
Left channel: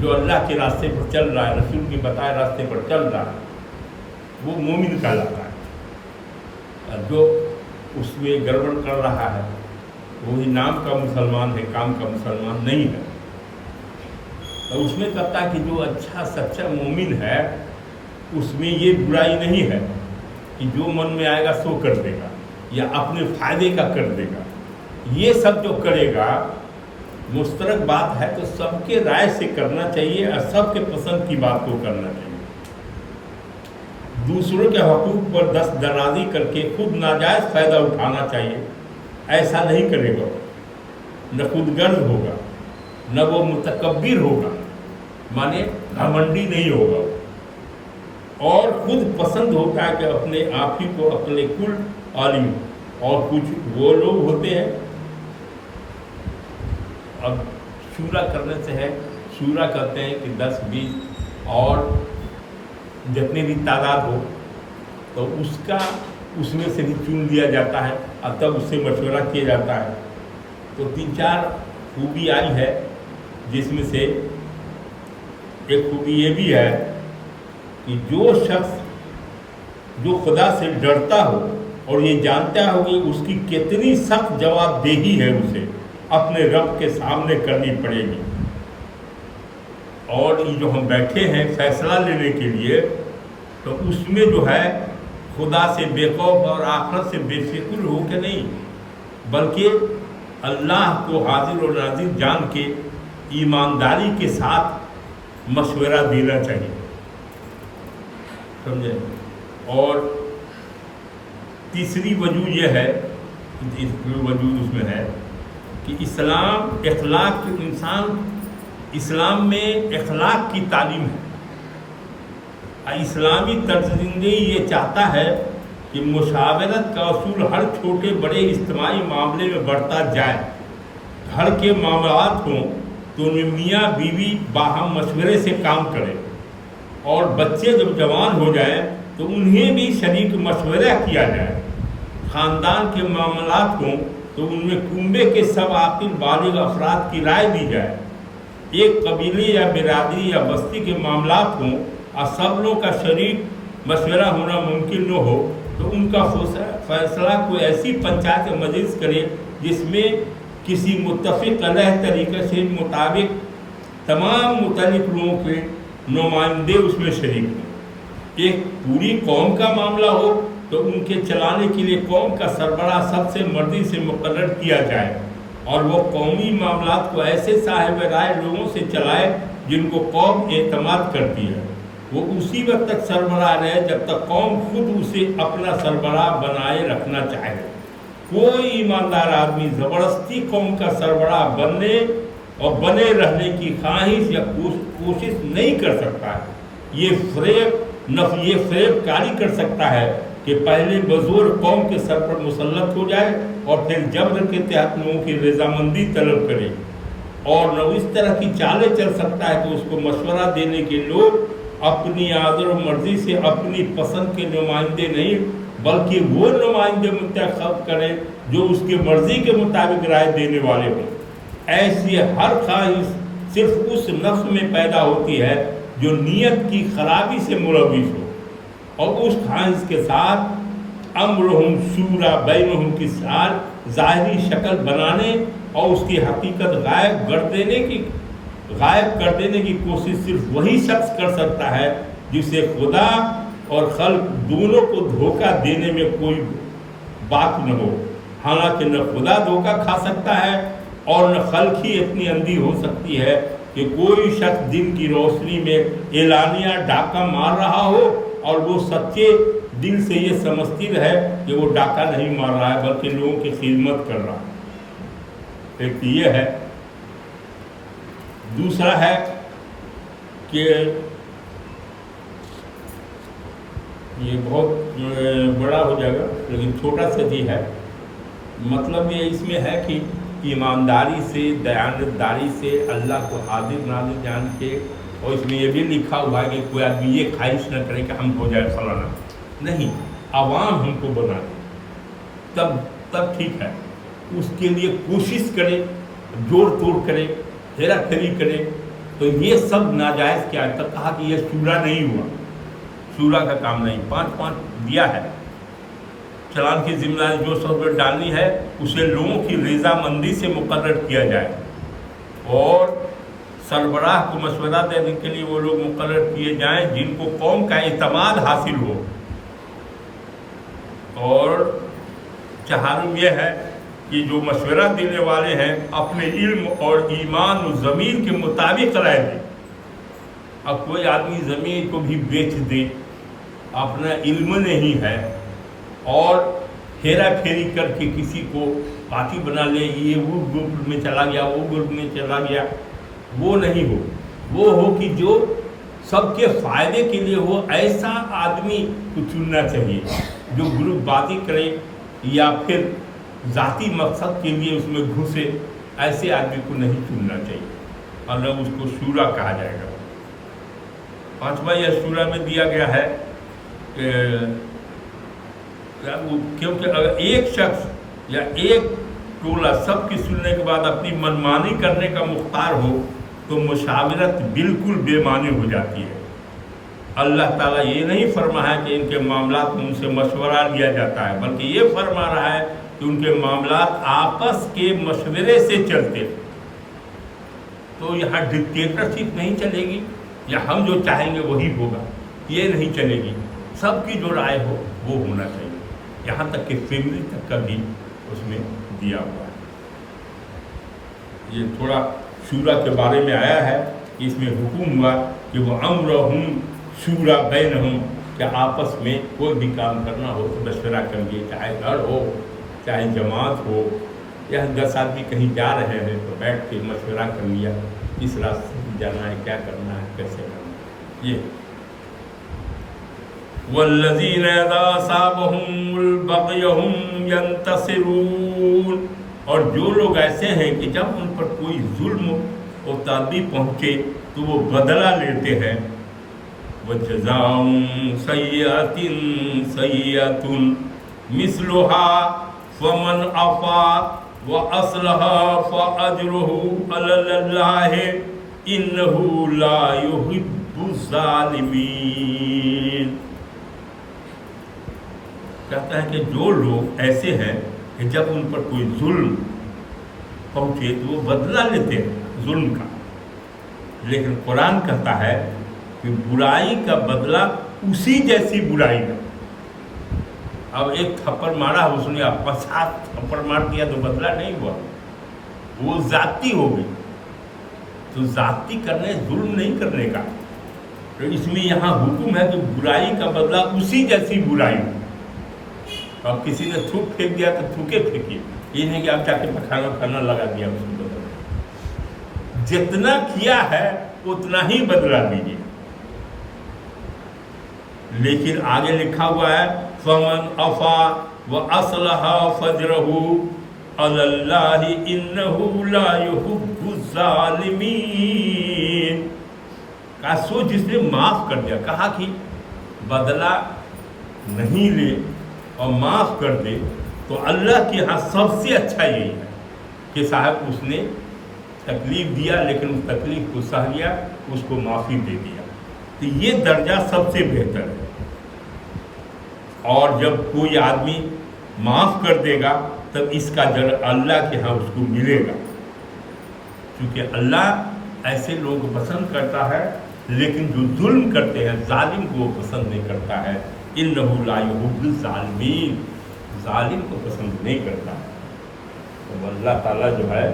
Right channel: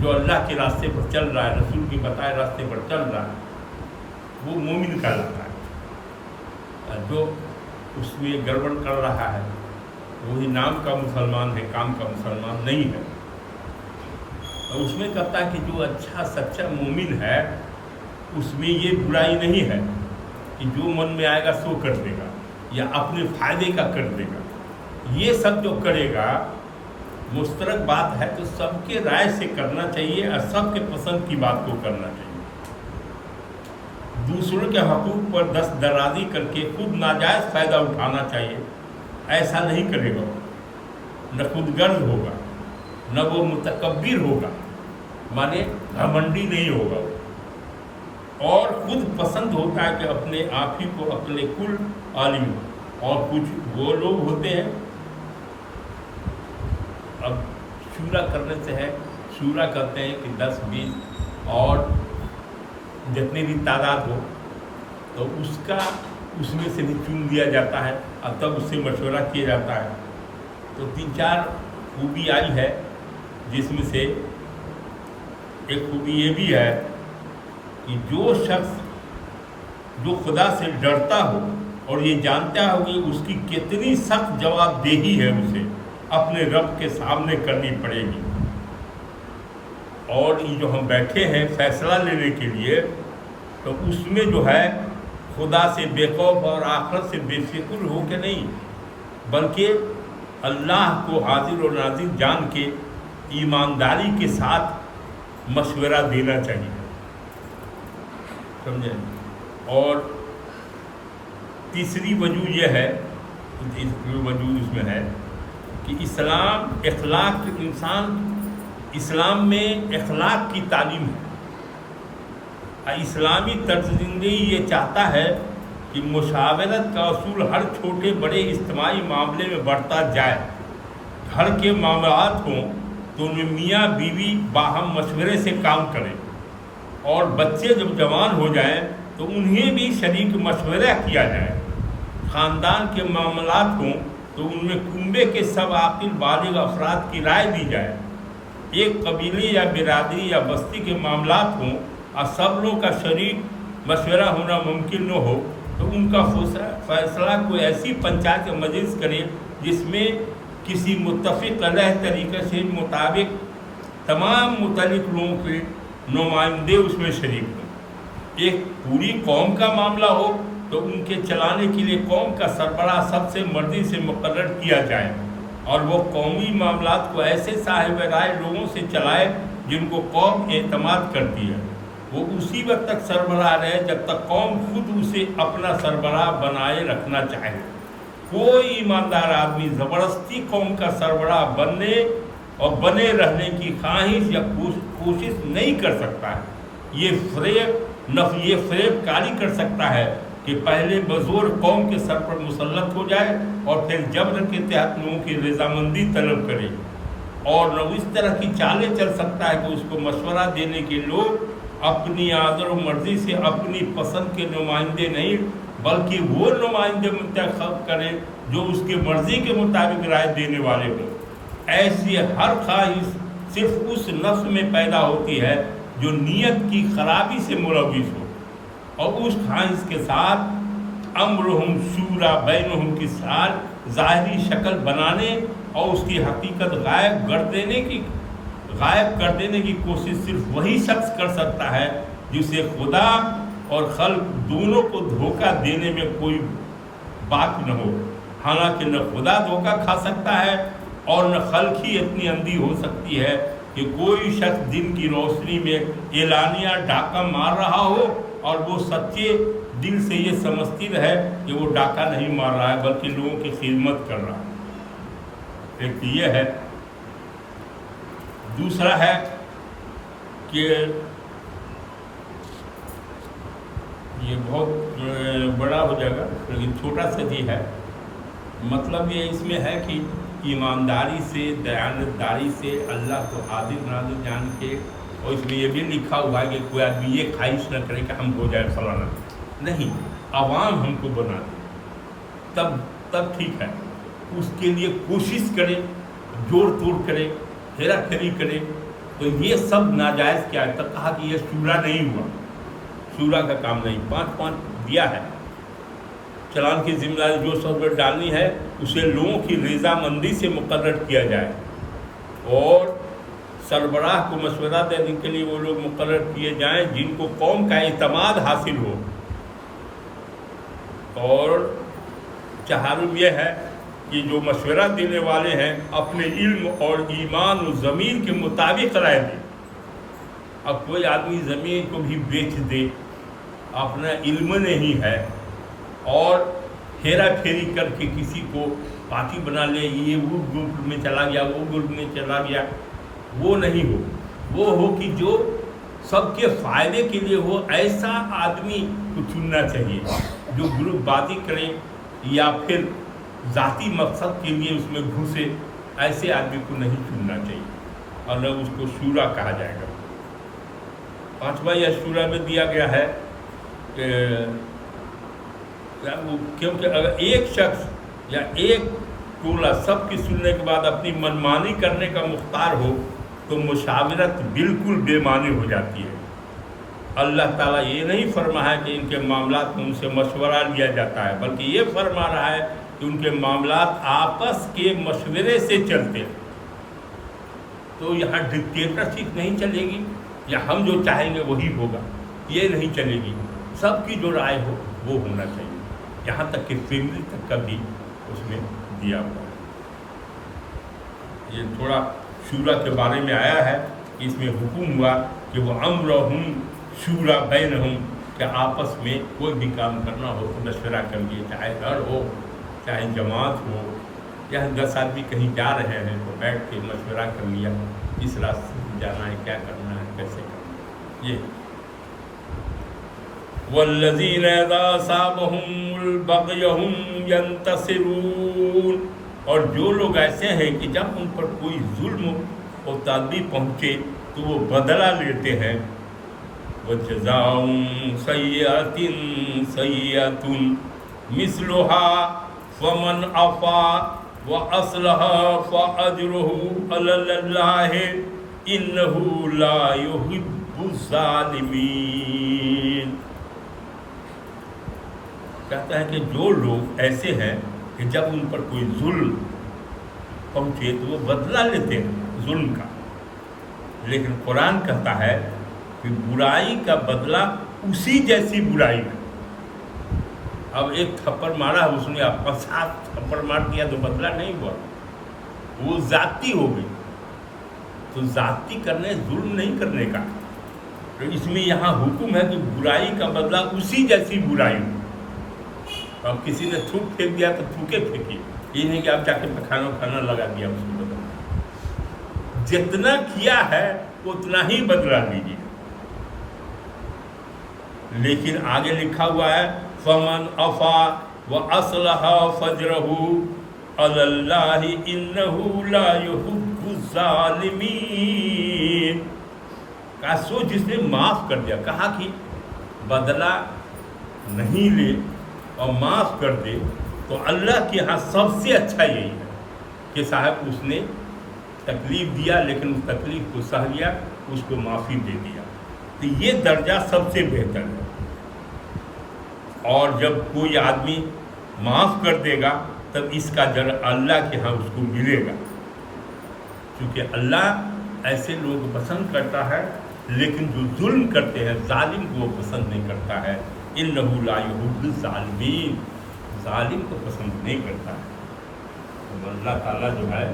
جو اللہ کے راستے پر چل رہا ہے، رسول کے بتائے راستے پر چل رہا ہے، وہ مومن کہلاتا ہے۔ جو اس میں گڑبڑ کر رہا ہے وہی نام کا مسلمان ہے، کام کا مسلمان نہیں ہے۔ اور اس میں کہتا ہے کہ جو اچھا سچا مومن ہے اس میں یہ برائی نہیں ہے کہ جو من میں آئے گا سو کر دے گا یا اپنے فائدے کا کر دے گا۔ یہ سب جو کرے گا مشترک بات ہے تو سب کے رائے سے کرنا چاہیے اور سب کے پسند کی بات کو کرنا چاہیے۔ دوسروں کے حقوق پر دست درازی کر کے خود ناجائز فائدہ اٹھانا چاہیے، ایسا نہیں کرے گا، نہ خود غرض ہوگا، نہ وہ متکبر ہوگا، مانے گھمنڈی نہیں ہوگا، اور خود پسند ہوتا ہے کہ اپنے آپ ہی کو اپنے کل عالم۔ اور کچھ وہ لوگ ہوتے ہیں، اب شورا کرنے سے ہے، شورا کرتے ہیں کہ 10 20 اور جتنی بھی تعداد ہو تو اس میں سے بھی چن لیا جاتا ہے اور تب اس سے مشورہ کیا جاتا ہے۔ تو 3-4 خوبی آئی ہے، جس میں سے ایک خوبی یہ بھی ہے کہ جو شخص جو خدا سے ڈرتا ہو اور یہ جانتا ہو کہ اس کی کتنی سخت جواب دہی ہے، اسے اپنے رب کے سامنے کرنی پڑے گی۔ اور یہ جو ہم بیٹھے ہیں فیصلہ لینے کے لیے، تو اس میں جو ہے خدا سے بے خوف اور آخرت سے بے فکر ہو کے نہیں، بلکہ اللہ کو حاضر و ناظر جان کے ایمانداری کے ساتھ مشورہ دینا چاہیے، سمجھے۔ اور تیسری وجہ یہ ہے، جو وجہ اس میں ہے کہ اسلام میں اخلاق کی تعلیم ہے. اسلامی طرز زندگی یہ چاہتا ہے کہ مشاورت کا اصول ہر چھوٹے بڑے اجتماعی معاملے میں بڑھتا جائے. گھر کے معاملات ہوں تو ان میں میاں بیوی باہم مشورے سے کام کریں، اور بچے جب جوان ہو جائیں تو انہیں بھی شریک مشورہ کیا جائے. خاندان کے معاملات ہوں تو ان میں کنبے کے سب عاقل بالغ افراد کی رائے دی جائے. ایک قبیلے یا برادری یا بستی کے معاملات ہوں اور سب لوگوں کا شریک مشورہ ہونا ممکن نہ ہو تو ان کا فیصلہ کوئی ایسی پنچایت یا مجلس کرے جس میں کسی متفق علیہ طریقے سے مطابق تمام متعلق لوگوں کے نمائندے اس میں شریک ہوں. ایک پوری قوم کا معاملہ ہو تو ان کے چلانے کے لیے قوم کا سربراہ سب سے مرضی سے مقرر کیا جائے، اور وہ قومی معاملات کو ایسے صاحب رائے لوگوں سے چلائے جن کو قوم اعتماد کرتی ہے. وہ اسی وقت تک سربراہ رہے جب تک قوم خود اسے اپنا سربراہ بنائے رکھنا چاہے. کوئی ایماندار آدمی زبردستی قوم کا سربراہ بننے اور بنے رہنے کی خواہش یا کوشش نہیں کر سکتا ہے. یہ فریب کاری کر سکتا ہے کہ پہلے بزور قوم کے سر پر مسلط ہو جائے اور پھر جبر کے تحت لوگوں کی رضامندی طلب کرے. اور نہ اس طرح کی چالیں چل سکتا ہے کہ اس کو مشورہ دینے کے لوگ اپنی آدر و مرضی سے اپنی پسند کے نمائندے نہیں بلکہ وہ نمائندے منتخب کریں جو اس کی مرضی کے مطابق رائے دینے والے ہوں. ایسی ہر خواہش صرف اس نفس میں پیدا ہوتی ہے جو نیت کی خرابی سے ملوث ہو، اور اس خواہش کے ساتھ امرہم شورا بینہم کی ظاہری شکل بنانے اور اس کی حقیقت غائب کر دینے کی کوشش صرف وہی شخص کر سکتا ہے جسے خدا اور خلق دونوں کو دھوکہ دینے میں کوئی بات نہ ہو. حالانکہ نہ خدا دھوکہ کھا سکتا ہے اور نہ خلق ہی اتنی اندھی ہو سکتی ہے کہ کوئی شخص دن کی روشنی میں اعلانیہ ڈاکہ مار رہا ہو اور وہ سچے دل سے یہ سمجھتی رہے کہ وہ ڈاکہ نہیں مار رہا ہے بلکہ لوگوں کی خدمت کر رہا ہے. ایک یہ ہے. دوسرا ہے کہ یہ بہت بڑا ہو جائے گا لیکن چھوٹا سا ہی ہے. مطلب یہ اس میں ہے کہ ایمانداری سے دیانتداری سے اللہ کو عادل نازل جان کے، اور اس میں یہ بھی لکھا ہوا ہے کہ کوئی آدمی یہ خواہش نہ کرے کہ ہم ہو جائے فلانا. نہیں، عوام ہم کو بنا دے تب ٹھیک ہے. اس کے لیے کوشش کرے، جوڑ توڑ کرے، ہیرا پھیری کرے. تو یہ سب ناجائز کیا ہے؟ تب کہا کہ یہ شورا نہیں ہوا، شورا کا کام نہیں. 5 دیا ہے. چلان کی ذمہ داری جو سب پر ڈالنی ہے اسے لوگوں کی رضامندی سے مقرر کیا جائے، اور سربراہ کو مشورہ دینے کے لیے وہ لوگ مقرر کیے جائیں جن کو قوم کا اعتماد حاصل ہو. اور چہارم یہ ہے کہ جو مشورہ دینے والے ہیں اپنے علم اور ایمان و ضمیر کے مطابق رائے دیں. اب کوئی آدمی زمین کو بھی بیچ دے، اپنا علم نہیں ہے، اور ہیرا پھیری کر کے کسی کو پارٹی بنا لے، یہ وہ گروپ میں چلا گیا، وہ گروپ میں چلا گیا، وہ نہیں ہو. وہ ہو کہ جو سب کے فائدے کے لیے ہو. ایسا آدمی کو چننا چاہیے جو گروپ بازی کرے یا پھر ذاتی مقصد کے لیے اس میں گھسے. ایسے آدمی کو نہیں چننا چاہیے، اور نہ اس کو شورا کہا جائے گا. 5واں یہ شورا میں دیا گیا ہے کیونکہ اگر ایک شخص یا ایک ٹولہ سب کی سننے کے بعد اپنی منمانی کرنے کا مختار ہو تو مشاورت بالکل بے معنی ہو جاتی ہے. اللہ تعالیٰ یہ نہیں فرما ہے کہ ان کے معاملات میں ان سے مشورہ لیا جاتا ہے، بلکہ یہ فرما رہا ہے کہ ان کے معاملات آپس کے مشورے سے چلتے ہیں. تو یہاں ڈکٹیٹرشپ نہیں چلے گی یا ہم جو چاہیں گے وہی ہوگا، یہ نہیں چلے گی. سب کی جو رائے ہو وہ ہونا چاہیے. یہاں تک کہ فیملی تک کا بھی اس میں دیا ہوا ہے. یہ تھوڑا شورا کے بارے میں آیا ہے کہ اس میں حکم ہوا کہ وہ امرہم شورا بینہم، کہ آپس میں کوئی بھی کام کرنا ہو تو مشورہ کریے، چاہے گھر ہو، چاہے جماعت ہو، یا 10 آدمی کہیں جا رہے ہیں تو بیٹھ کے مشورہ کر لیا اس راستے سے جانا ہے، کیا کرنا ہے، کیسے کرنا ہے. یہ والذین اذا اصابهم البغی هم ینتصرون، اور جو لوگ ایسے ہیں کہ جب ان پر کوئی ظلم اور تعدی پہنچے تو وہ بدلہ لیتے ہیں. وجزاء سیئۃ سیئۃ مثلها فمن عفا واصلح فاجرہ علی اللہ انہ لا یحب الظالمین. کہتا ہے کہ جو لوگ ایسے ہیں کہ جب ان پر کوئی ظلم پہنچے تو وہ بدلہ لیتے ہیں ظلم کا، لیکن قرآن کہتا ہے کہ برائی کا بدلہ اسی جیسی برائی ہے. اب ایک تھپڑ مارا اس نے، آپ 50 تھپڑ مار دیا تو بدلہ نہیں ہوا، وہ ذاتی ہو گئی. تو ذاتی کرنے، ظلم نہیں کرنے کا. تو اس میں یہاں حکم ہے کہ برائی کا بدلہ اسی جیسی برائی ہو. اب کسی نے تھوک پھینک دیا تو تھوکے پھینکیے، یہ نہیں کہ آپ جا کے کھانا لگا دیا اس کو بدلہ. جتنا کیا ہے اتنا ہی بدلہ لیجیے. لیکن آگے لکھا ہوا ہے فمن عفا واصلح فاجرہ علی اللہ انہ لا یحب الظالمین. کہا سو جس نے معاف کر دیا، کہا کہ بدلہ نہیں لے اور معاف کر دے تو اللہ کے ہاں سب سے اچھا یہی ہے کہ صاحب اس نے تکلیف دیا لیکن اس تکلیف کو سہ لیا، اس کو معافی دے دیا. تو یہ درجہ سب سے بہتر ہے. اور جب کوئی آدمی معاف کر دے گا تب اس کا اجر اللہ کے ہاں اس کو ملے گا، کیونکہ اللہ ایسے لوگ پسند کرتا ہے، لیکن جو ظلم کرتے ہیں ظالم کو وہ پسند نہیں کرتا ہے. انہ لا یحب الظالمین، ظالم کو پسند نہیں کرتا ہے. تو اللہ تعالیٰ جو ہے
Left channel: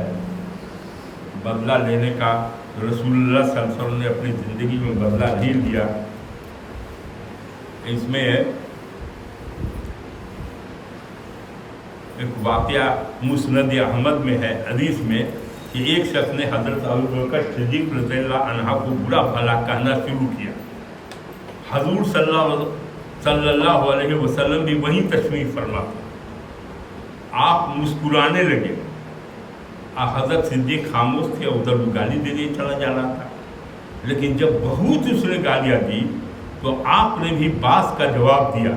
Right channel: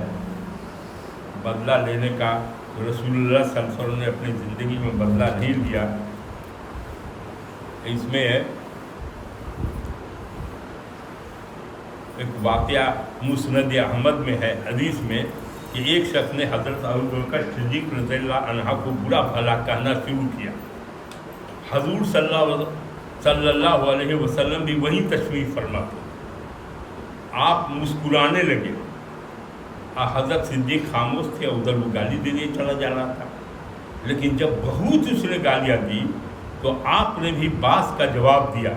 بدلہ لینے کا، رسول اللہ صلی اللہ علیہ وسلم نے اپنی زندگی میں بدلہ نہیں لیا. اس میں ایک واقعہ مسند احمد میں ہے، حدیث میں، کہ ایک شخص نے حضرت ابوبکر صدیق رضی اللہ عنہ کو برا بھلا کہنا شروع کیا. حضور صلی اللہ علیہ وسلم بھی وہیں تشریف فرما تھے. آپ مسکرانے لگے. حضرت صدیق خاموش تھے، ادھر وہ گالی دے دیے چلا جا رہا تھا. لیکن جب بہت اس نے گالیاں دی تو آپ نے بھی باس کا جواب دیا.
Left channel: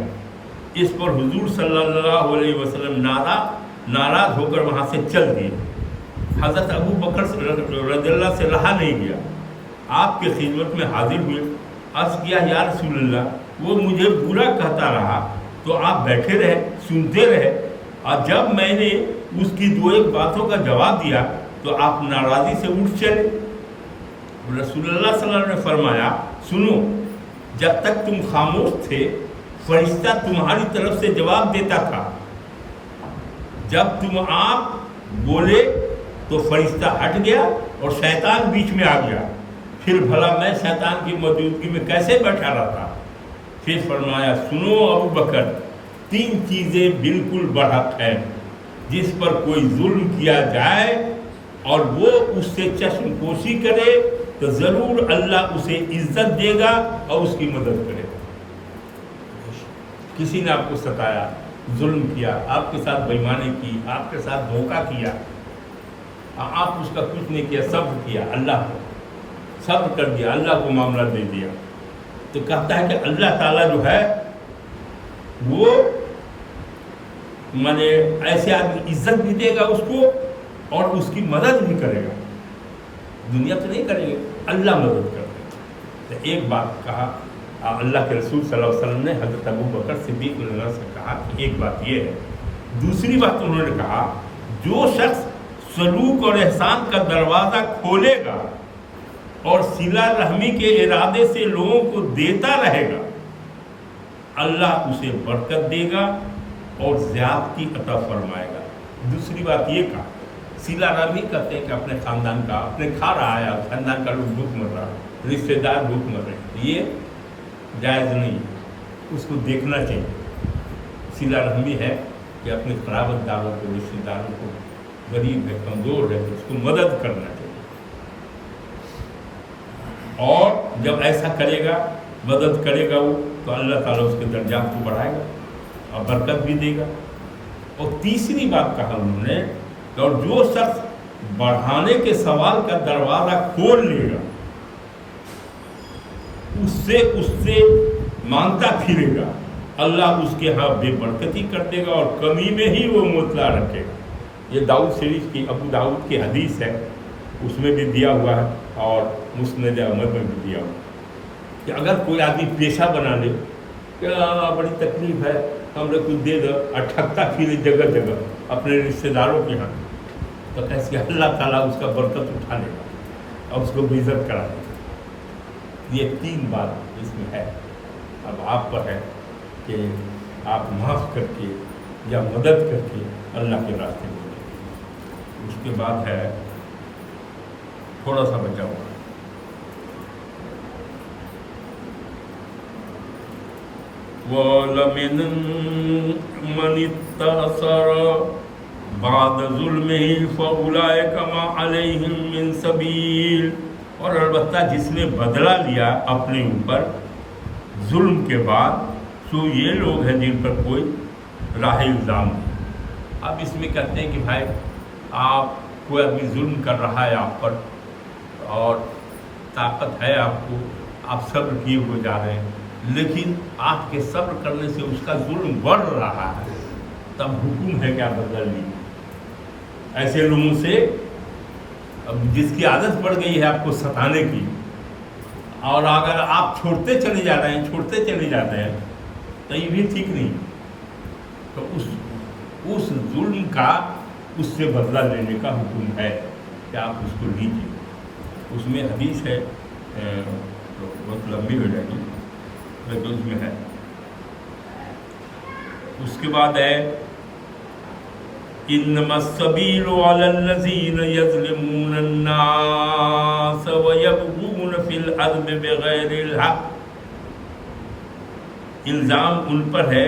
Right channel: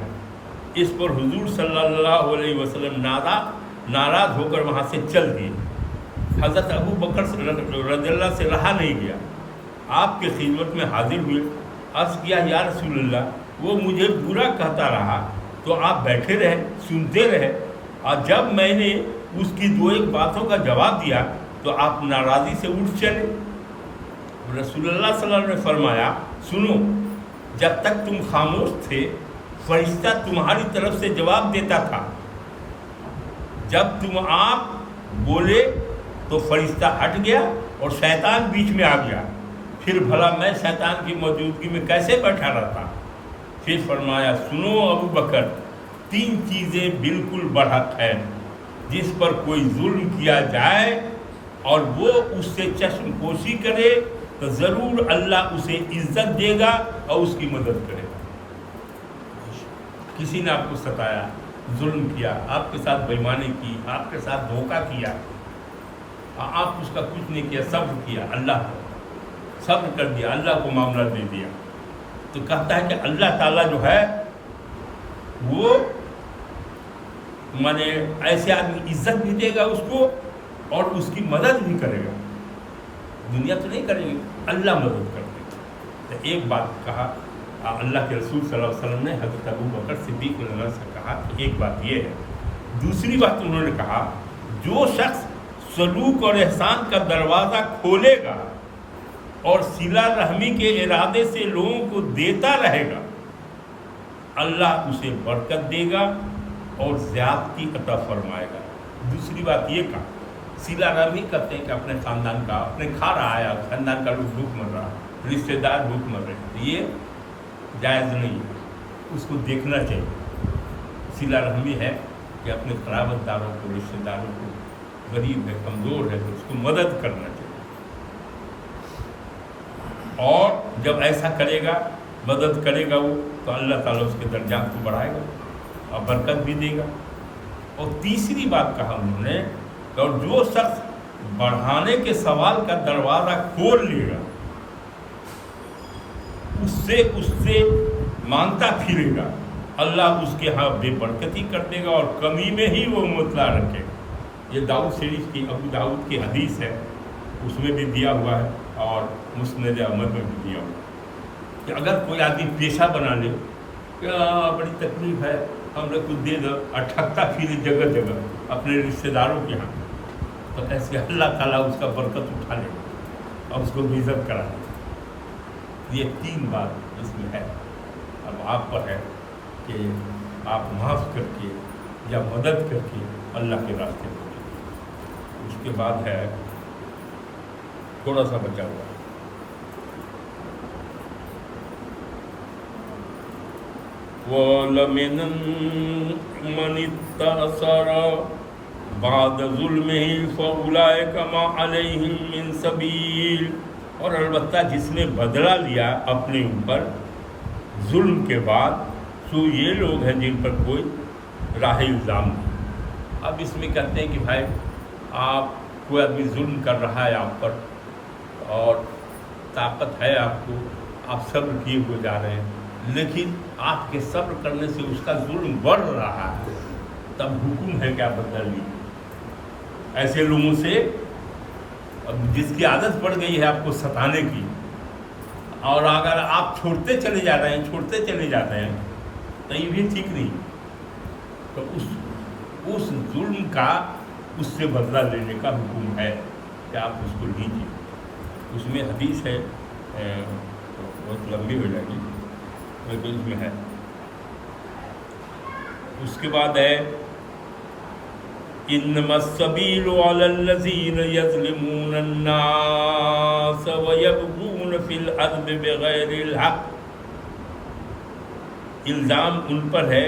اس پر حضور صلی اللہ علیہ وسلم ناراض ہو کر وہاں سے چل دیے. حضرت ابو بکر رضی اللہ سے رہا نہیں گیا، آپ کے خدمت میں حاضر ہوئے. عرض کیا یا رسول اللہ، وہ مجھے برا کہتا رہا تو آپ بیٹھے رہے، سنتے رہے، اور جب میں نے اس کی 2-1 باتوں کا جواب دیا تو آپ ناراضی سے اٹھ چلے. رسول اللہ صلی اللہ علیہ وسلم نے فرمایا سنو، جب تک تم خاموش تھے فرشتہ تمہاری طرف سے جواب دیتا تھا. جب تم آپ بولے تو فرشتہ ہٹ گیا اور شیطان بیچ میں آ گیا. پھر بھلا میں شیطان کی موجودگی میں کیسے بیٹھا رہتا؟ پھر فرمایا سنو ابو بکر، 3 چیزیں بالکل برحق ہیں. جس پر کوئی ظلم کیا جائے اور وہ اس سے چشم پوشی کرے تو ضرور اللہ اسے عزت دے گا اور اس کی مدد کرے. کسی نے آپ کو ستایا، ظلم کیا، آپ کے ساتھ بےایمانی کی، آپ کے ساتھ دھوکہ کیا، آپ اس کا کچھ نہیں کیا، صبر کیا، اللہ کو صبر کر دیا، اللہ کو معاملہ دے دیا، تو کہتا ہے کہ اللہ تعالیٰ جو ہے وہ مانے ایسے آدمی عزت بھی دے گا اس کو اور اس کی مدد بھی کرے گا. دنیا تو نہیں کرے گی، اللہ مدد کر دے گا. تو ایک بات کہا اللہ کے رسول صلی اللہ علیہ وسلم نے حضرت ابو بکر صدیق رضی اللہ عنہ سے کہا کہ ایک بات یہ ہے. دوسری بات انہوں نے کہا جو شخص سلوک اور احسان کا دروازہ کھولے گا اور صلہ رحمی کے ارادے سے لوگوں کو دیتا رہے گا، اللہ اسے برکت دے گا اور زیادتی عطا فرمائے گا. دوسری بات یہ کہا صلہ رحمی کرتے ہیں کہ اپنے خاندان کا، اپنے کھا رہا ہے، خاندان کا لوگ بھوک مر رہا، رشتہ دار بھوک مر رہے، یہ جائز نہیں ہے، اس کو دیکھنا چاہیے. صلہ رحمی ہے کہ اپنے قرابت داروں کو، رشتہ داروں کو غریب ہے، کمزور ہے، تو اس کو مدد کرنا چاہیے۔ اور جب ایسا کرے گا، مدد کرے گا وہ، تو اللہ تعالیٰ اس کے درجات کو بڑھائے گا اور برکت بھی دے گا۔ اور تیسری بات کہا انہوں نے کہ اور جو شخص بڑھانے کے سوال کا دروازہ کھول لے گا، اس سے مانگتا پھرے گا، اللہ اس کے ہاں بے برکتی کر دے گا اور کمی میں ہی وہ مطلع رکھے گا۔ یہ داؤد شریف کی، ابو داؤد کی حدیث ہے، اس میں بھی دیا ہوا ہے اور مسند احمد میں بھی دیا ہوا ہے کہ اگر کوئی آدمی پیشہ بنا لے کہ بڑی تکلیف ہے، ہم نے کچھ دے دو، اٹھکتا پھرے جگہ جگہ اپنے رشتے داروں کے ہاں، تو کیسے اللہ تعالیٰ اس کا برکت اٹھا لے گا اور اس کو عزت کرا دے گا۔ یہ تین بات اس میں ہے۔ اب آپ پر ہے کہ آپ معاف کر کے یا مدد کر کے اللہ کے راستے میں جائیں۔ اس کے بعد ہے تھوڑا سا بچا ہوا ہے، وَلَمِنْ مَنِ اسْتَأْثَرَ بَعْدَ ظُلْمِهِ فَأُولَئِكَ مَا عَلَيْهِمْ مِنْ سَبِيلٍ۔ اور البتہ جس نے بدلہ لیا اپنے اوپر ظلم کے بعد، سو یہ لوگ ہیں جن پر کوئی راہ الزام نہیں۔ اب اس میں کہتے ہیں کہ بھائی آپ کوئی آدمی ظلم کر رہا ہے آپ پر اور طاقت ہے آپ کو، آپ صبر کیے ہوئے جا رہے ہیں، لیکن آپ کے صبر کرنے سے اس کا ظلم بڑھ رہا ہے، تب حکم ہے کہ آپ بدل لیجیے۔ ایسے لوگوں سے اب جس کی عادت پڑ گئی ہے آپ کو ستانے کی، اور اگر آپ چھوڑتے چلے جا رہے ہیں تو یہ بھی ٹھیک نہیں، تو اس ظلم کا اس سے بدلہ لینے کا حکم ہے کہ آپ اس کو لیجیے۔ اس میں حدیث ہے، تو بہت لمبی ہو جائے گی لیکن اس میں ہے۔ اس کے بعد ہے انما السبیل علی الذین یظلمون الناس ویبغون فی الارض بغیر الحق۔ الزام ان پر ہے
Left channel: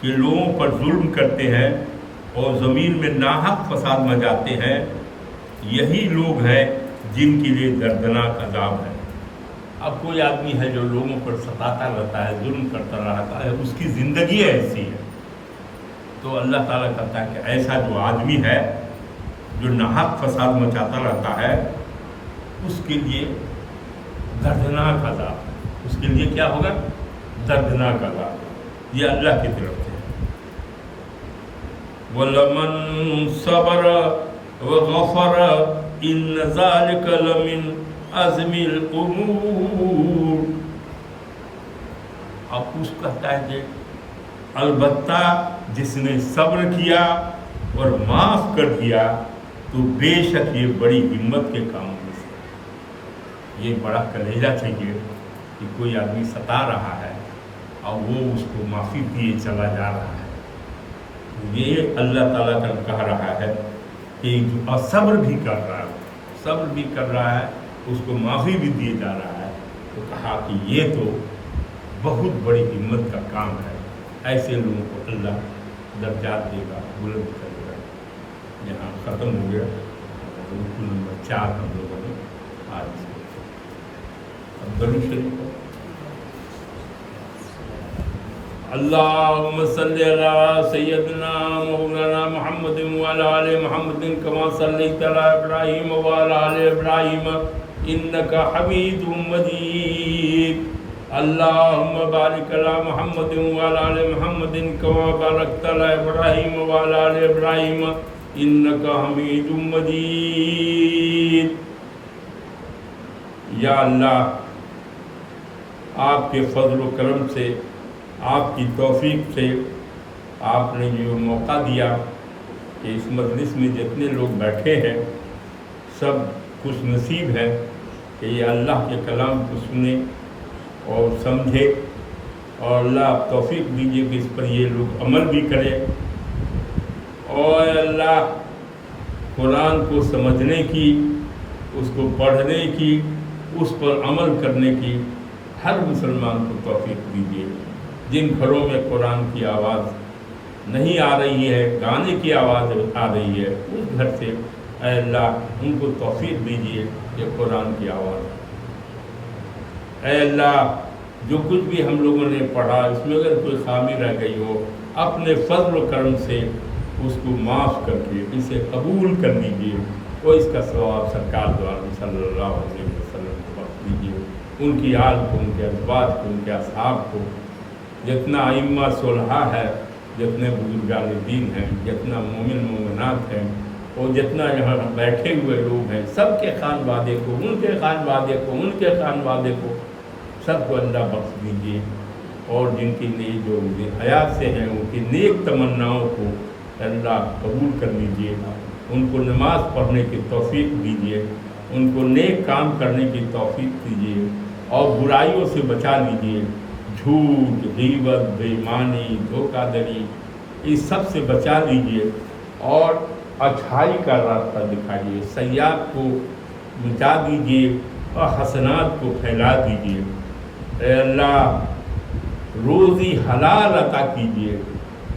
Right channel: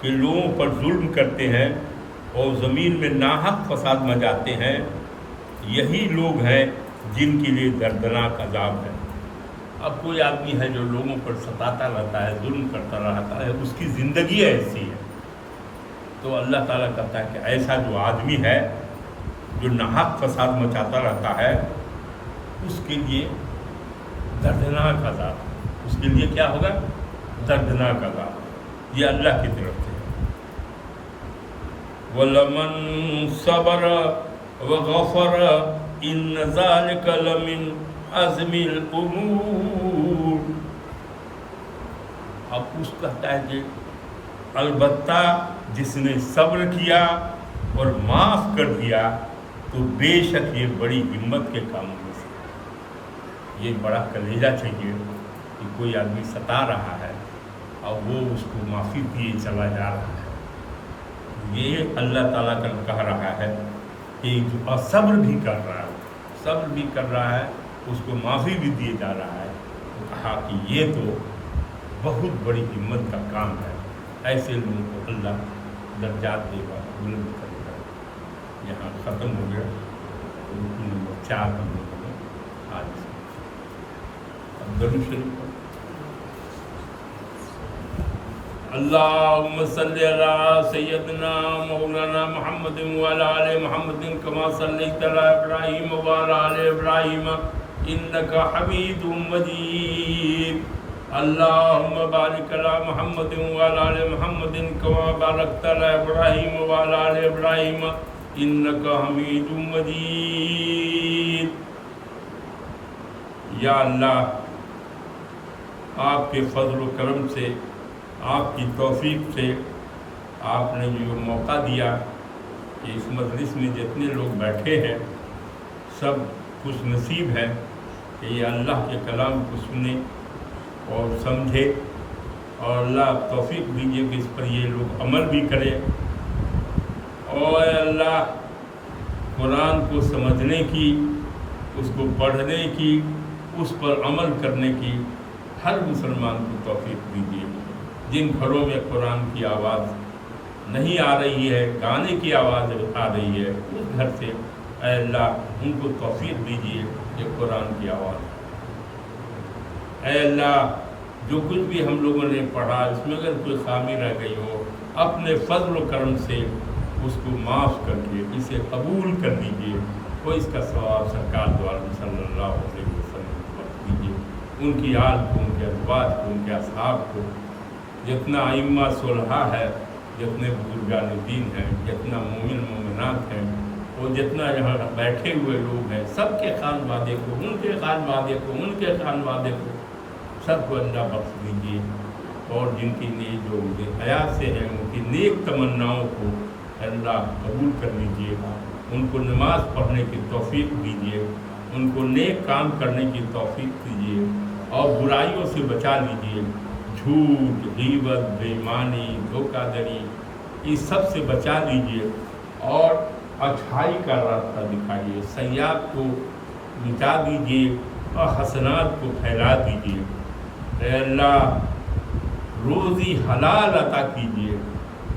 کہ لوگوں پر ظلم کرتے ہیں اور زمین میں ناحق فساد مچاتے ہیں، یہی لوگ ہیں جن کے لیے دردناک عذاب ہے۔ اب کوئی آدمی ہے جو لوگوں پر ستاتا رہتا ہے، ظلم کرتا رہتا ہے، اس کی زندگی ایسی ہے، تو اللہ تعالیٰ کہتا ہے کہ ایسا جو آدمی ہے جو ناحق فساد مچاتا رہتا ہے، اس کے لیے دردناک عذاب، اس کے لیے کیا ہوگا؟ دردناک عذاب۔ یہ اللہ کی طرف سے ہے۔ وَلَمَنْ صَبَرَ وَغَفَرَ إِنَّ ذَلِكَ لَمِنْ عَزْمِ الْأُمُورِ۔ اب اس کہتا ہے کہ البتہ جس نے صبر کیا اور معاف کر دیا تو بے شک یہ بڑی ہمت کے کاموں میں سے۔ یہ بڑا کلیجہ چاہیے کہ کوئی آدمی ستا رہا ہے اور وہ اس کو معافی دیے چلا جا رہا ہے۔ یہ اللہ تعالیٰ کا کہہ رہا ہے کہ جو صبر بھی کر رہا ہے اس کو معافی بھی دیے جا رہا ہے، تو کہا کہ یہ تو بہت بڑی ہمت کا کام ہے۔ ایسے لوگوں کو اللہ درجات دے گا، بلند کرے گا۔ یہاں ختم ہو گیا رکن نمبر 4 ہم لوگوں نے آج سے۔ اب درود شریف اللہم صلی علی سیدنا مولانا محمد وعلی آل محمد کما صلیت علی ابراہیم وعلی آل ابراہیم انک حمید مجید۔ اللہم بارک علی محمد وعلی آل محمد کما بارکت علی ابراہیم وعلی آل ابراہیم انک حمید مجید۔ یا اللہ، آپ کے فضل و کرم سے، آپ کی توفیق سے آپ نے جو موقع دیا کہ اس مجلس میں جتنے لوگ بیٹھے ہیں سب خوش نصیب ہے کہ یہ اللہ کے کلام کو سنیں اور سمجھے، اور اللہ توفیق دیجیے کہ اس پر یہ لوگ عمل بھی کریں، اور اللہ قرآن کو سمجھنے کی، اس کو پڑھنے کی، اس پر عمل کرنے کی ہر مسلمان کو توفیق دیجیے۔ جن گھروں میں قرآن کی آواز نہیں آ رہی ہے، گانے کی آواز آ رہی ہے، اس گھر سے اے اللہ ان کو توفیق دیجیے یہ قرآن کی آواز۔ اے اللہ جو کچھ بھی ہم لوگوں نے پڑھا اس میں اگر کوئی خامی رہ گئی ہو، اپنے فضل و کرم سے اس کو معاف کر کے اسے قبول کر لیجیے، اور اس کا ثواب سرکار دو عالم صلی اللہ علیہ وسلم کو بخش دیجیے، ان کی آل کو، ان کے ازواج کو، ان کے اصحاب کو، جتنا ائمہ صلحاء ہے، جتنے بزرگان دین ہیں، جتنا مومن مومنات ہیں، اور جتنا یہاں بیٹھے ہوئے لوگ ہیں، سب کے خانوادے کو، ان کے خانوادے کو، ان کے خانوادے کو، سب کو اللہ بخش دیجیے، اور جن کی جو حیات سے ہیں ان کی نیک تمناؤں کو اللہ قبول کر لیجیے، ان کو نماز پڑھنے کی توفیق دیجیے، ان کو نیک کام کرنے کی توفیق دیجیے، اور برائیوں سے بچا لیجیے، جھوٹ، غیبت، بے ایمانی، دھوکہ دڑی، اس سب سے بچا لیجیے، اور اچھائی کا راستہ دکھائیے، سیئات کو مٹا دیجیے اور حسنات کو پھیلا دیجیے۔ اے اللہ روزی حلال عطا کیجیے،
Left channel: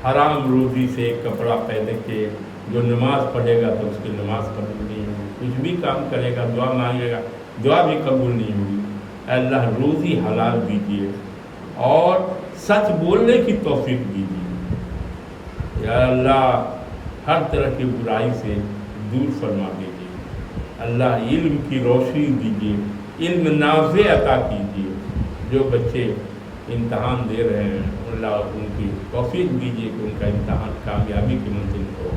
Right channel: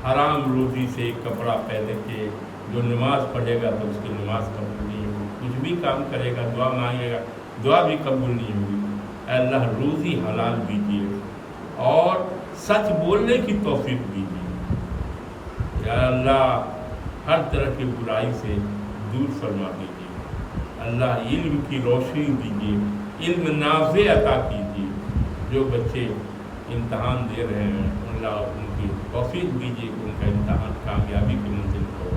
حرام روزی سے ایک کپڑا پہن کے جو نماز پڑھے گا تو اس کی نماز قبول نہیں ہوگی، کچھ بھی کام کرے گا، دعا مانگے گا، دعا بھی قبول نہیں ہوگی۔ اے اللہ روزی حلال دیجیے اور سچ بولنے کی توفیق دیجیے۔ یا اللہ ہر طرح کی برائی سے دور فرما دیجیے، اللہ علم کی روشنی دیجیے، علم نافع عطا کیجیے۔ جو بچے امتحان دے رہے ہیں اللہ ان کی توفیق دیجیے کہ ان کا امتحان کامیابی کی منزل کو،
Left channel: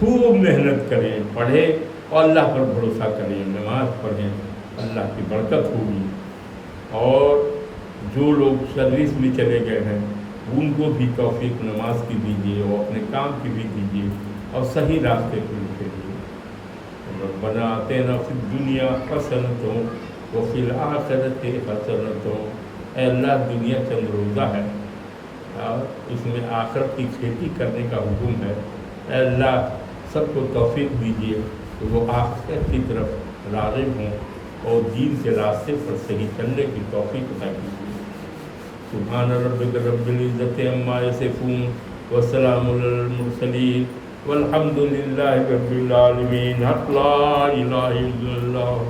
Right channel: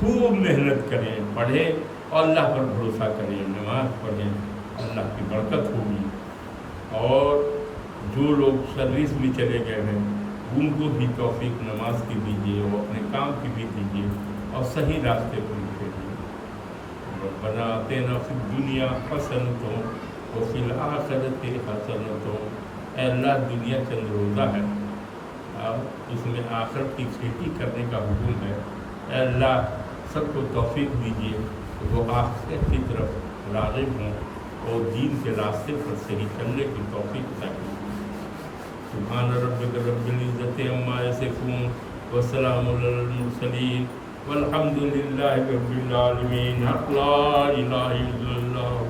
خوب محنت کریں، پڑھیں اور اللہ پر بھروسہ کریں، نماز پڑھیں، اللہ کی برکت ہوگی۔ اور جو لوگ سروس میں چلے گئے ہیں ان کو بھی توفیق نماز کی دیجیے اور اپنے کام کی بھی دیجیے، اور صحیح راستے کو نکلیے۔ ربنا آتنا فی الدنیا حسنۃ وفی الآخرۃ حسنۃ۔ اے اللہ دنیا چند روزہ ہے اور اس میں آخرت کی کھیتی کرنے کا حکم ہے۔ اے اللہ سب کو توفیق دیجیے کہ وہ آخرت کی طرف راغب ہوں اور دین کے راستے پر صحیح چلنے کی توفیق عطا کیجیے۔ سبحان ربک رب العزت عما یصفون وسلام علی المرسلین والحمد للہ رب العالمین۔ حق لا الہ الا اللہ۔